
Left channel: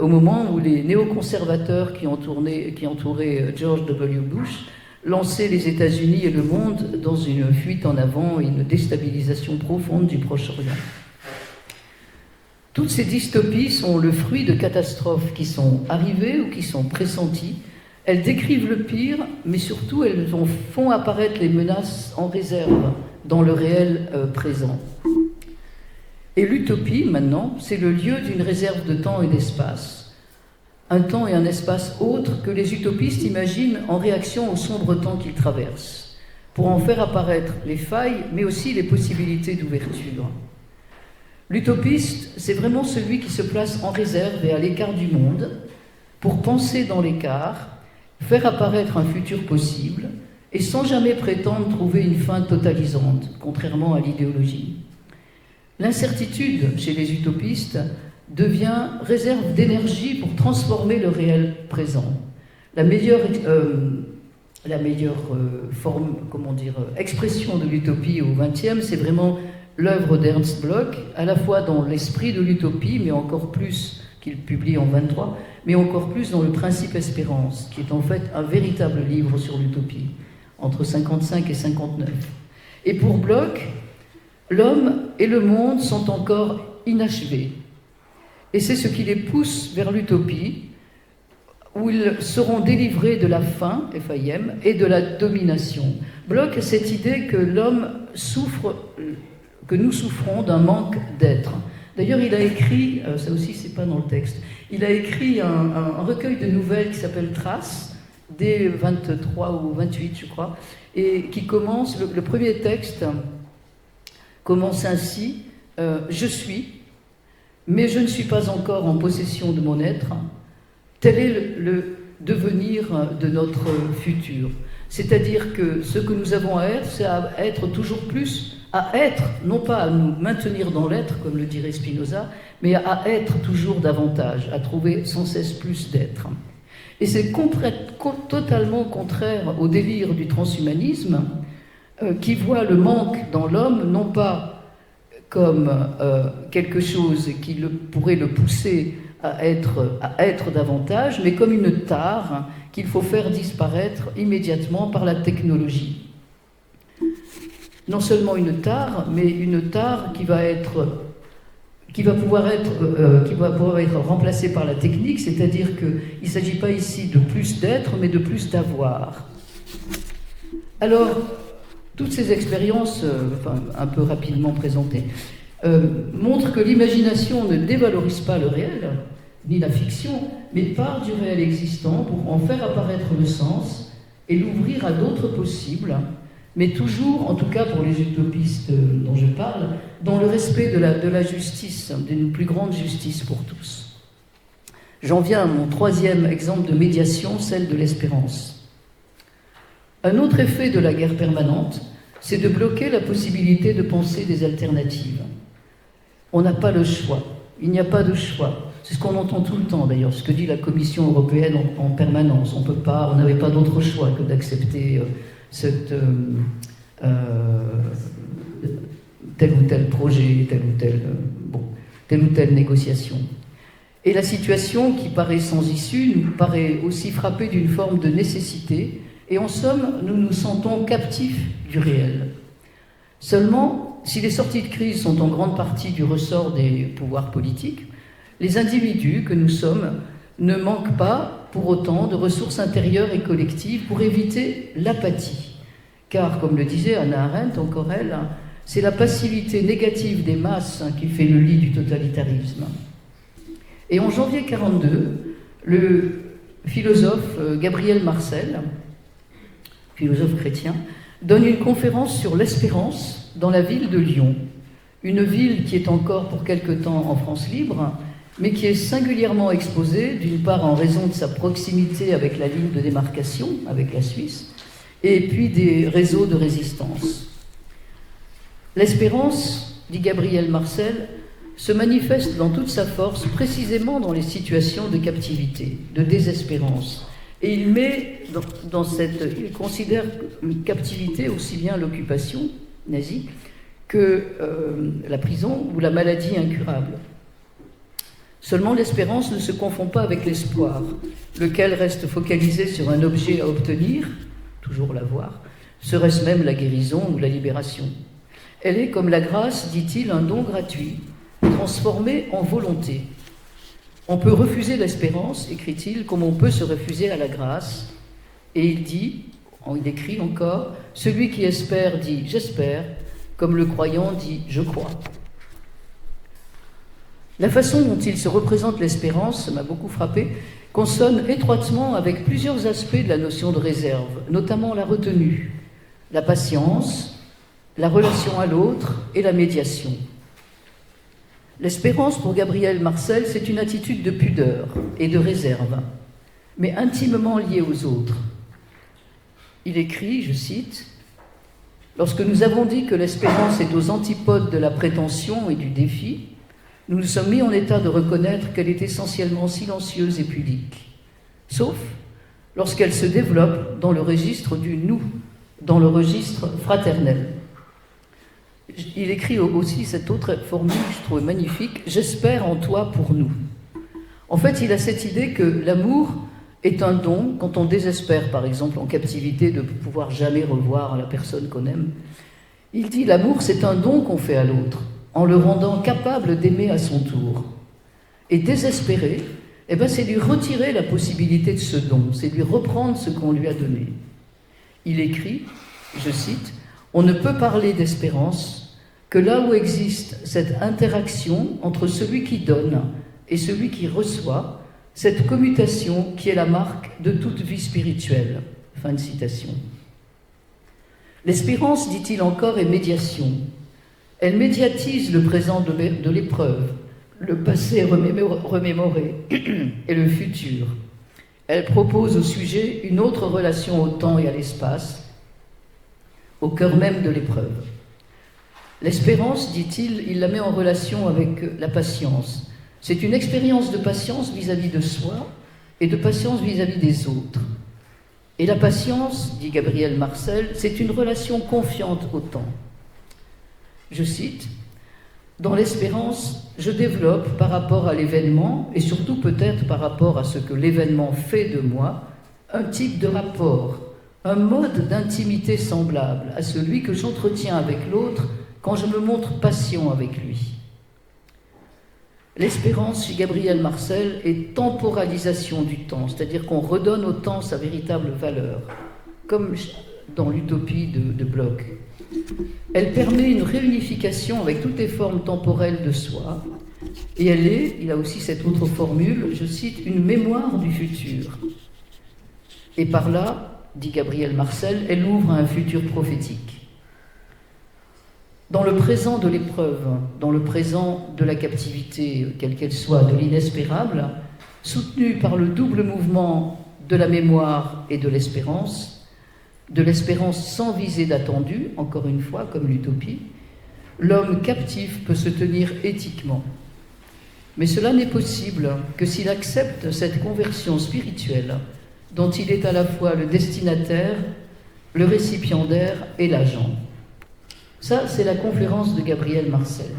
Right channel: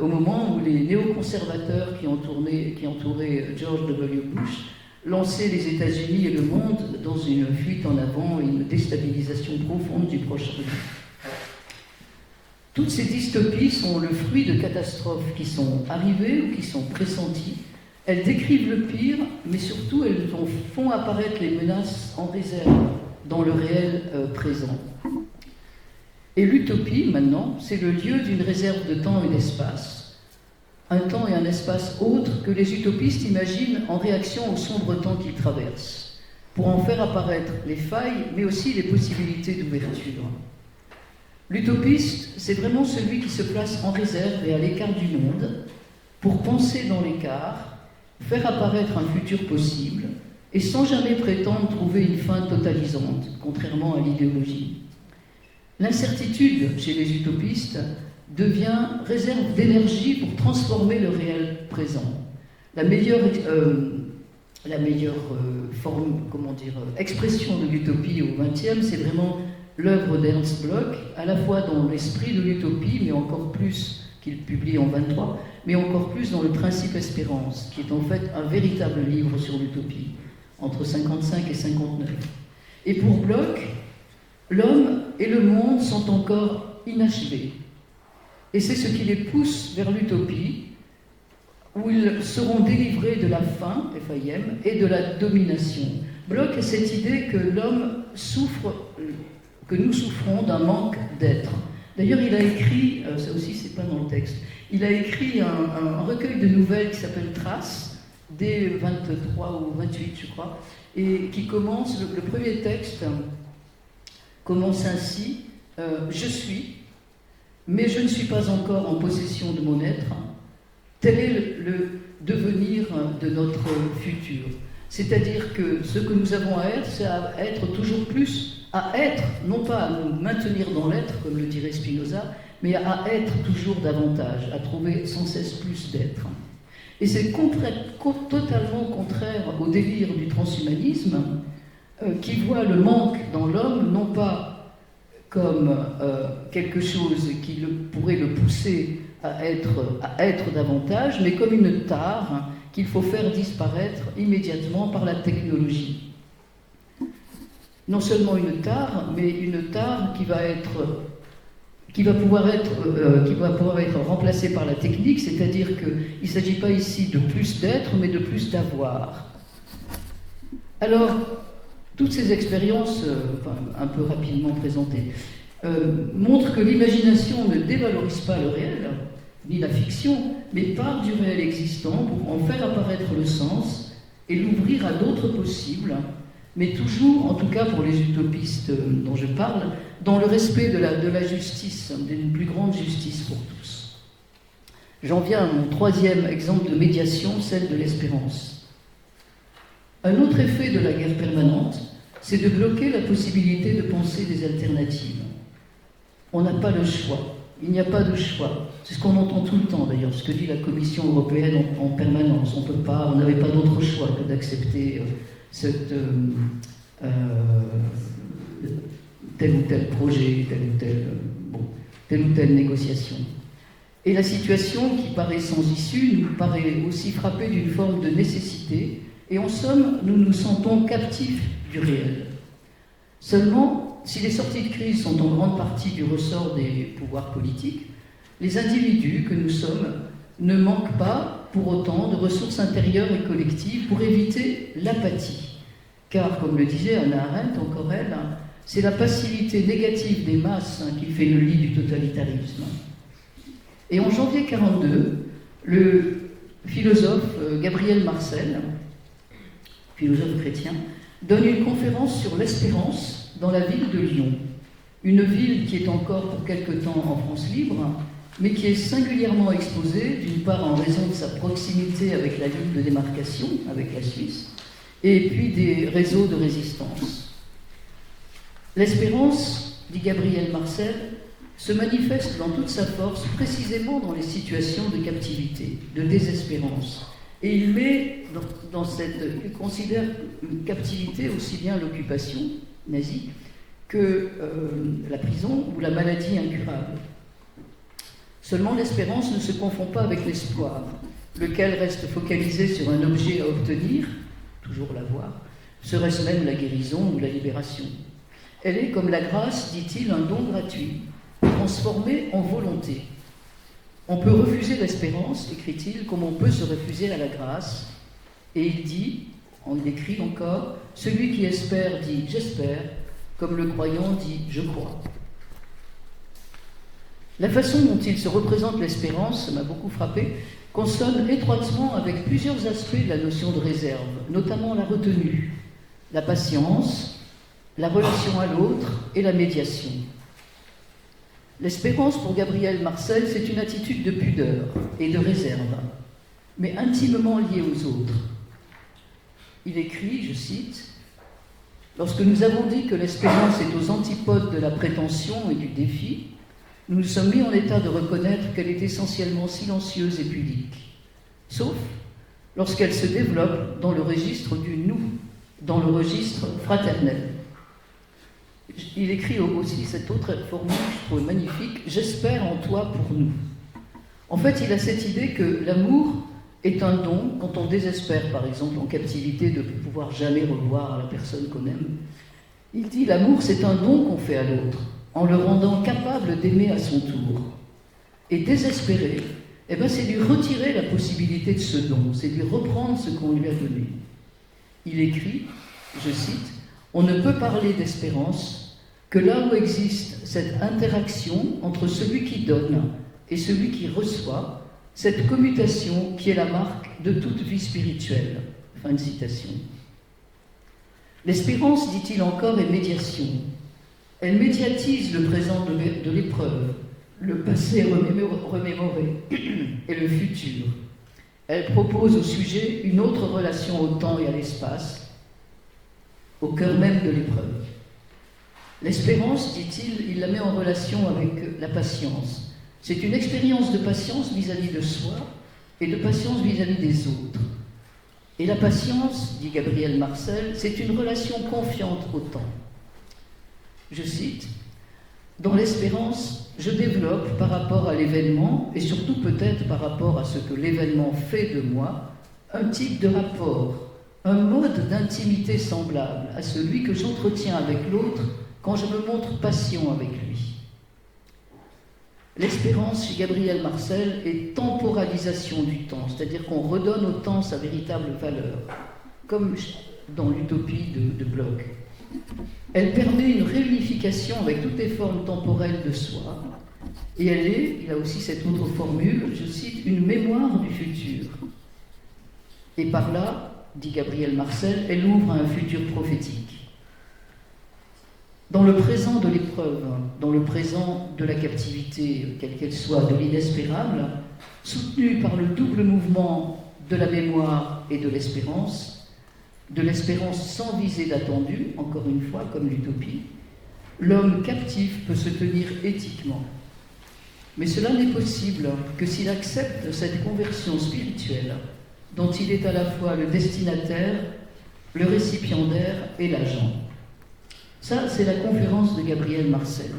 au moment où les néoconservateurs qui entouraient George W. Bush lançaient les États-Unis et le monde dans une fuite en avant et une déstabilisation profonde du Proche-Orient. Toutes ces dystopies sont le fruit de catastrophes qui sont arrivées ou qui sont pressenties. Elles décrivent le pire, mais surtout elles font apparaître les menaces en réserve dans le réel présent. Et l'utopie, maintenant, c'est le lieu d'une réserve de temps et d'espace. Un temps et un espace autres que les utopistes imaginent en réaction au sombre temps qu'ils traversent, pour en faire apparaître les failles, mais aussi les possibilités d'ouverture. L'utopiste, c'est vraiment celui qui se place en réserve et à l'écart du monde, pour penser dans l'écart, faire apparaître un futur possible, et sans jamais prétendre trouver une fin totalisante, contrairement à l'idéologie. L'incertitude, chez les utopistes, devient réserve d'énergie pour transformer le réel présent. La meilleure expression de l'utopie au XXe, c'est vraiment l'œuvre d'Ernst Bloch, à la fois dans l'esprit de l'utopie, mais encore plus, qu'il publie en 23, mais encore plus dans le Principe Espérance, qui est en fait un véritable livre sur l'utopie, entre 55 et 59. Et pour Bloch, l'homme et le monde sont encore inachevés. Et c'est ce qui les pousse vers l'utopie, où ils seront délivrés de la faim, FAIM, et de la domination. Bloch a cette idée que l'homme souffre, que nous souffrons d'un manque d'être. D'ailleurs, il a écrit, ça aussi c'est pas dans le texte, il a écrit un recueil de nouvelles qui s'appelle Traces, dès 23 ou 28 je crois, et qui commence, le premier texte commence ainsi, je suis, mais je ne suis pas encore en possession de mon être, tel est le devenir de notre futur. C'est-à-dire que ce que nous avons à être, c'est à être toujours plus, à être, non pas à nous maintenir dans l'être, comme le dirait Spinoza, mais à être toujours davantage, à trouver sans cesse plus d'être. Et c'est totalement contraire au délire du transhumanisme, qui voit le manque dans l'homme, non pas comme quelque chose qui pourrait le pousser à être davantage, mais comme une tare qu'il faut faire disparaître immédiatement par la technologie. Non seulement une tare, mais une tare qui va pouvoir être remplacée par la technique, c'est-à-dire qu'il ne s'agit pas ici de plus d'être, mais de plus d'avoir. Alors, toutes ces expériences, un peu rapidement présentées, montrent que l'imagination ne dévalorise pas le réel, ni la fiction, mais part du réel existant pour en faire apparaître le sens et l'ouvrir à d'autres possibles, mais toujours, en tout cas pour les utopistes dont je parle, dans le respect de la justice, d'une plus grande justice pour tous. J'en viens à mon troisième exemple de médiation, celle de l'espérance. Un autre effet de la guerre permanente, c'est de bloquer la possibilité de penser des alternatives. On n'a pas le choix. Il n'y a pas de choix. C'est ce qu'on entend tout le temps d'ailleurs, ce que dit la Commission européenne en permanence. On n'avait pas d'autre choix que d'accepter tel ou tel projet, telle ou telle négociation. Et la situation qui paraît sans issue nous paraît aussi frappée d'une forme de nécessité, et en somme, nous nous sentons captifs du réel. Seulement, si les sorties de crise sont en grande partie du ressort des pouvoirs politiques, les individus que nous sommes ne manquent pas, pour autant, de ressources intérieures et collectives pour éviter l'apathie. Car, comme le disait Hannah Arendt, encore elle, c'est la passivité négative des masses qui fait le lit du totalitarisme. Et en janvier 1942, le philosophe Gabriel Marcel, philosophe chrétien, donne une conférence sur l'espérance dans la ville de Lyon, une ville qui est encore pour quelque temps en France libre, mais qui est singulièrement exposée, d'une part en raison de sa proximité avec la ligne de démarcation, avec la Suisse, et puis des réseaux de résistance. L'espérance, dit Gabriel Marcel, se manifeste dans toute sa force précisément dans les situations de captivité, de désespérance. Et il considère une captivité aussi bien l'occupation nazie que la prison ou la maladie incurable. Seulement l'espérance ne se confond pas avec l'espoir, lequel reste focalisé sur un objet à obtenir, toujours l'avoir, serait-ce même la guérison ou la libération. Elle est, comme la grâce, dit-il, un don gratuit, transformé en volonté. On peut refuser l'espérance, écrit-il, comme on peut se refuser à la grâce. Et il écrit encore, celui qui espère dit « j'espère », comme le croyant dit « je crois ». La façon dont il se représente l'espérance, ça m'a beaucoup frappé, consonne étroitement avec plusieurs aspects de la notion de réserve, notamment la retenue, la patience, la relation à l'autre et la médiation. L'espérance pour Gabriel Marcel, c'est une attitude de pudeur et de réserve, mais intimement liée aux autres. Il écrit, je cite, « Lorsque nous avons dit que l'espérance est aux antipodes de la prétention et du défi, nous nous sommes mis en état de reconnaître qu'elle est essentiellement silencieuse et pudique, sauf lorsqu'elle se développe dans le registre du nous, dans le registre fraternel. » Il écrit aussi cette autre formule que je trouve magnifique, « J'espère en toi pour nous ». En fait, il a cette idée que l'amour est un don, quand on désespère, par exemple, en captivité, de pouvoir jamais revoir la personne qu'on aime. Il dit, l'amour, c'est un don qu'on fait à l'autre, en le rendant capable d'aimer à son tour. Et désespérer, c'est lui retirer la possibilité de ce don, c'est lui reprendre ce qu'on lui a donné. Il écrit, je cite, « On ne peut parler d'espérance que là où existe cette interaction entre celui qui donne et celui qui reçoit, cette commutation qui est la marque de toute vie spirituelle. » Fin de citation. L'espérance, dit-il encore, est médiation. Elle médiatise le présent de l'épreuve, le passé remémoré et le futur. Elle propose au sujet une autre relation au temps et à l'espace, au cœur même de l'épreuve. L'espérance, dit-il, il la met en relation avec la patience. C'est une expérience de patience vis-à-vis de soi et de patience vis-à-vis des autres. Et la patience, dit Gabriel Marcel, c'est une relation confiante au temps. Je cite, « Dans l'espérance, je développe par rapport à l'événement, et surtout peut-être par rapport à ce que l'événement fait de moi, un type de rapport, un mode d'intimité semblable à celui que j'entretiens avec l'autre quand je me montre patient avec lui. » L'espérance chez Gabriel Marcel est temporalisation du temps, c'est-à-dire qu'on redonne au temps sa véritable valeur, comme dans l'utopie de Bloch. Elle permet une réunification avec toutes les formes temporelles de soi, et elle est, il a aussi cette autre formule, je cite, une mémoire du futur. Et par là, dit Gabriel Marcel, elle ouvre à un futur prophétique. Dans le présent de l'épreuve, dans le présent de la captivité, quelle qu'elle soit, de l'inespérable, soutenu par le double mouvement de la mémoire et de l'espérance sans visée d'attendu, encore une fois, comme l'utopie, l'homme captif peut se tenir éthiquement. Mais cela n'est possible que s'il accepte cette conversion spirituelle dont il est à la fois le destinataire, le récipiendaire et l'agent. Ça, c'est la conférence de Gabriel Marcel.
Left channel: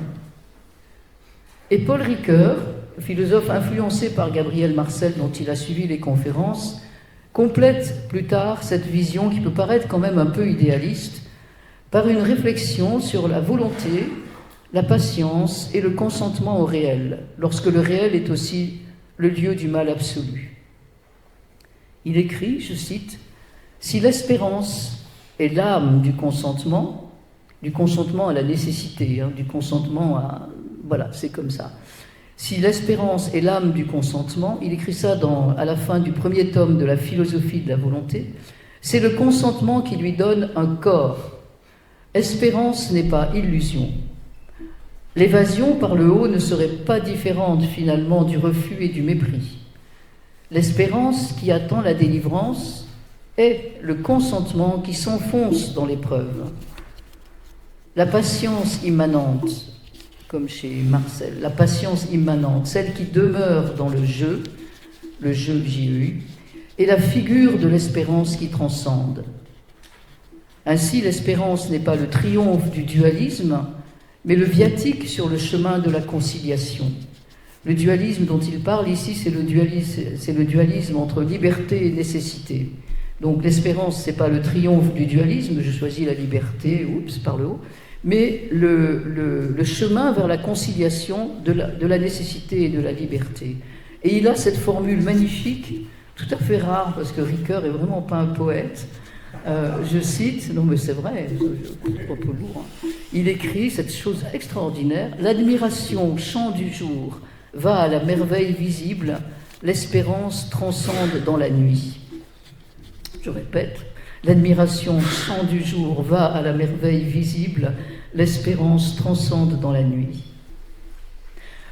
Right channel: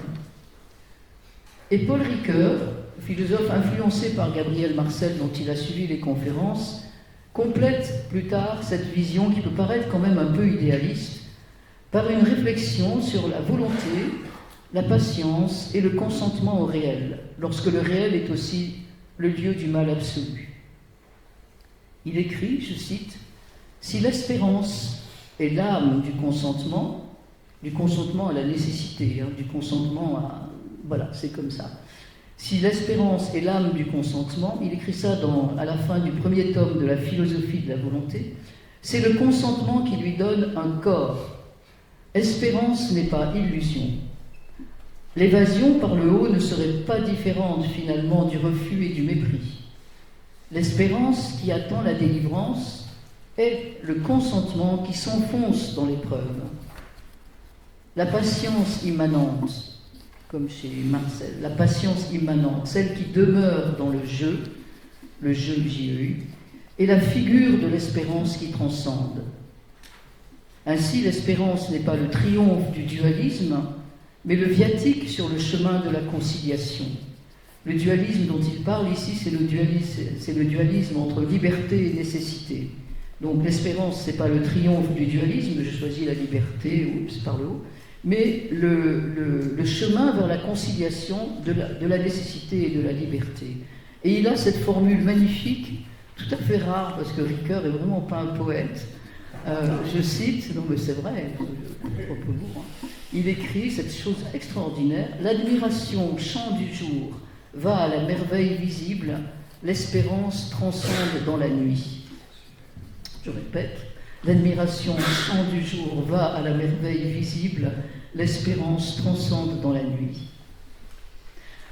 Et Paul Ricoeur, philosophe influencé par Gabriel Marcel dont il a suivi les conférences, complète plus tard cette vision qui peut paraître quand même un peu idéaliste par une réflexion sur la volonté, la patience et le consentement au réel, lorsque le réel est aussi le lieu du mal absolu. Il écrit, je cite, « Si l'espérance est l'âme du consentement à la nécessité, du consentement à... Voilà, c'est comme ça. Si l'espérance est l'âme du consentement, il écrit ça à la fin du premier tome de la philosophie de la volonté, c'est le consentement qui lui donne un corps. Espérance n'est pas illusion. L'évasion par le haut ne serait pas différente finalement du refus et du mépris. L'espérance qui attend la délivrance est le consentement qui s'enfonce dans l'épreuve. La patience immanente, comme chez Marcel, la patience immanente, celle qui demeure dans le jeu JEU, est la figure de l'espérance qui transcende. Ainsi, l'espérance n'est pas le triomphe du dualisme, mais le viatique sur le chemin de la conciliation. Le dualisme dont il parle ici, c'est le dualisme entre liberté et nécessité. Donc l'espérance, ce n'est pas le triomphe du dualisme, je choisis la liberté, par le haut, mais le chemin vers la conciliation de la nécessité et de la liberté. Et il a cette formule magnifique, tout à fait rare, parce que Ricoeur n'est vraiment pas un poète. Je cite, non mais c'est vrai, trop lourd, il écrit cette chose extraordinaire, « L'admiration, chant du jour, va à la merveille visible, l'espérance transcende dans la nuit. » Je répète, l'admiration, chant du jour, va à la merveille visible, l'espérance transcende dans la nuit.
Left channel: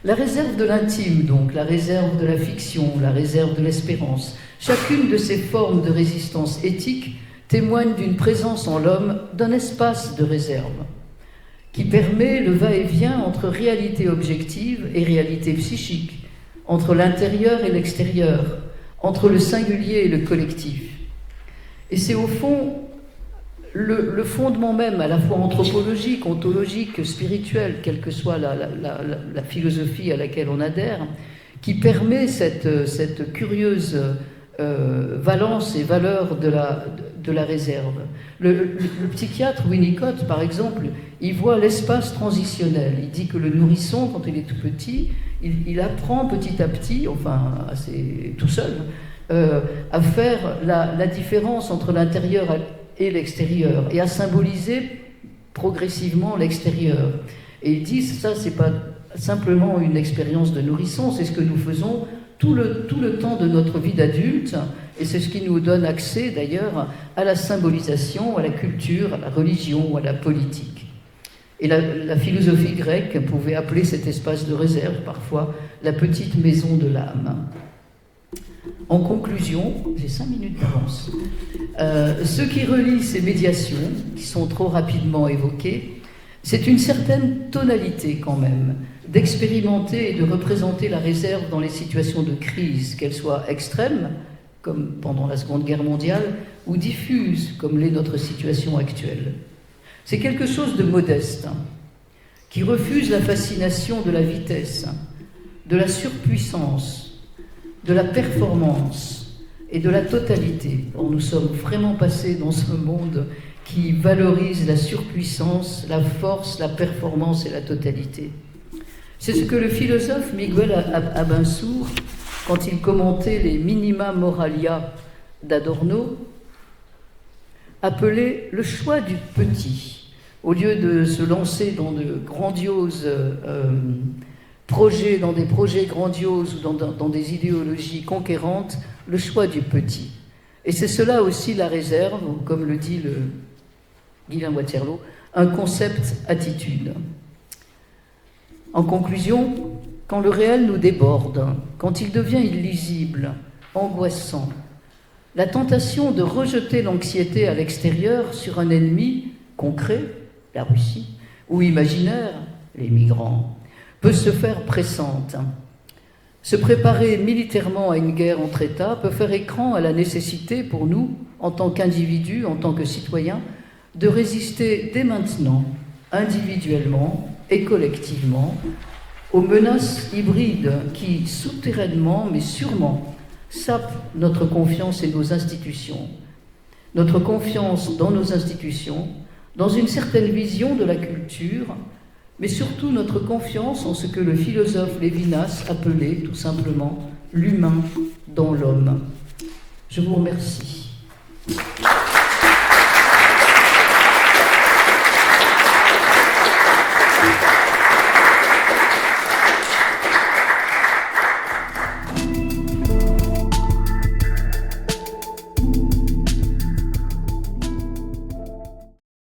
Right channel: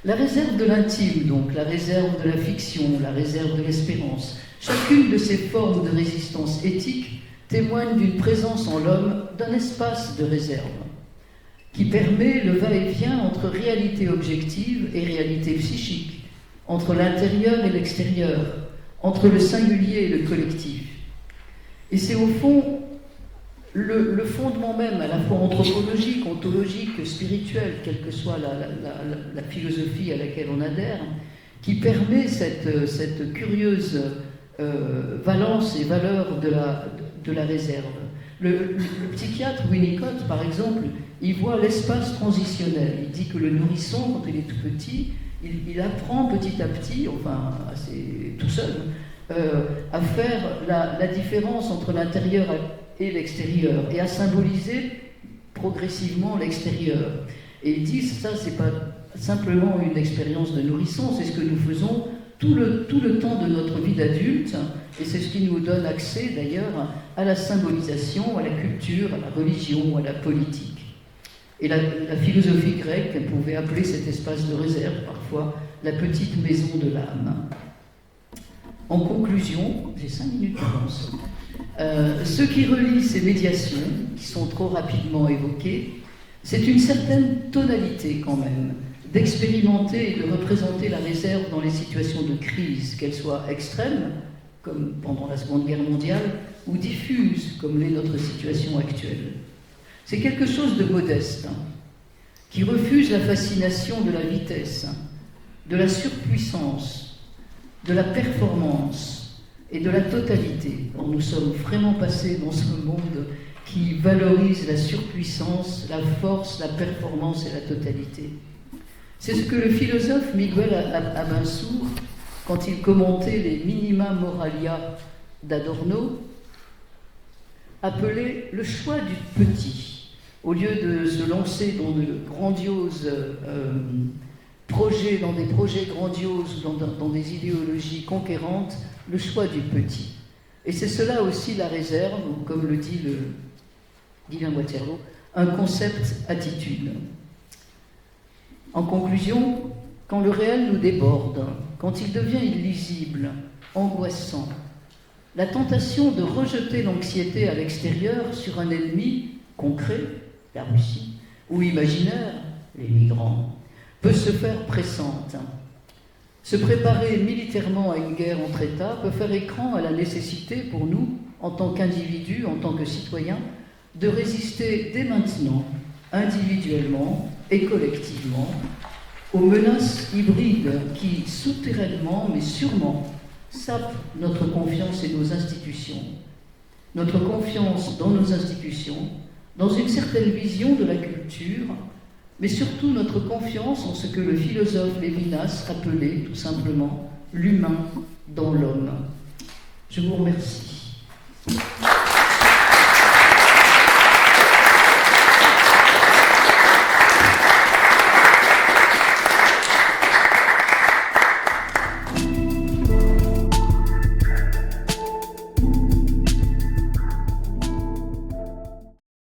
La réserve de l'intime, donc, la réserve de la fiction, la réserve de l'espérance, chacune de ces formes de résistance éthique témoigne d'une présence en l'homme d'un espace de réserve qui permet le va-et-vient entre réalité objective et réalité psychique, entre l'intérieur et l'extérieur, entre le singulier et le collectif. Et c'est au fond le fondement même, à la fois anthropologique, ontologique, spirituel, quelle que soit la philosophie à laquelle on adhère, qui permet cette curieuse valence et valeur de la réserve. Le psychiatre Winnicott, par exemple, il voit l'espace transitionnel. Il dit que le nourrisson, quand il est tout petit, il apprend petit à petit, enfin assez tout seul, à faire la différence entre l'intérieur et l'extérieur, et à symboliser progressivement l'extérieur. Et il dit, ça, c'est pas simplement une expérience de nourrisson, c'est ce que nous faisons tout le temps de notre vie d'adulte, et c'est ce qui nous donne accès, d'ailleurs, à la symbolisation, à la culture, à la religion, à la politique. Et la philosophie grecque pouvait appeler cet espace de réserve, parfois, la petite maison de l'âme. En conclusion, j'ai 5 minutes d'avance, ce qui relie ces médiations, qui sont trop rapidement évoquées, c'est une certaine tonalité quand même, d'expérimenter et de représenter la réserve dans les situations de crise, qu'elles soient extrêmes, comme pendant la Seconde Guerre mondiale, ou diffuses, comme l'est notre situation actuelle. C'est quelque chose de modeste, qui refuse la fascination de la vitesse, de la surpuissance, de la performance et de la totalité. Or, nous sommes vraiment passés dans ce monde qui valorise la surpuissance, la force, la performance et la totalité. C'est ce que le philosophe Miguel Abensour, quand il commentait les Minima Moralia d'Adorno, appelait le choix du petit. Au lieu de se lancer dans de grandioses projets, dans des projets grandioses ou dans des idéologies conquérantes, le choix du petit. Et c'est cela aussi la réserve, comme le dit Guylain Waterloo, un concept attitude. En conclusion, quand le réel nous déborde, quand il devient illisible, angoissant, la tentation de rejeter l'anxiété à l'extérieur sur un ennemi concret, la Russie, ou imaginaire, les migrants, peut se faire pressante. Se préparer militairement à une guerre entre États peut faire écran à la nécessité pour nous, en tant qu'individus, en tant que citoyens, de résister dès maintenant, individuellement et collectivement, aux menaces hybrides qui, souterrainement mais sûrement, sapent notre confiance et nos institutions. Notre confiance dans nos institutions, dans une certaine vision de la culture, mais surtout notre confiance en ce que le philosophe Lévinas appelait tout simplement l'humain dans l'homme. Je vous remercie.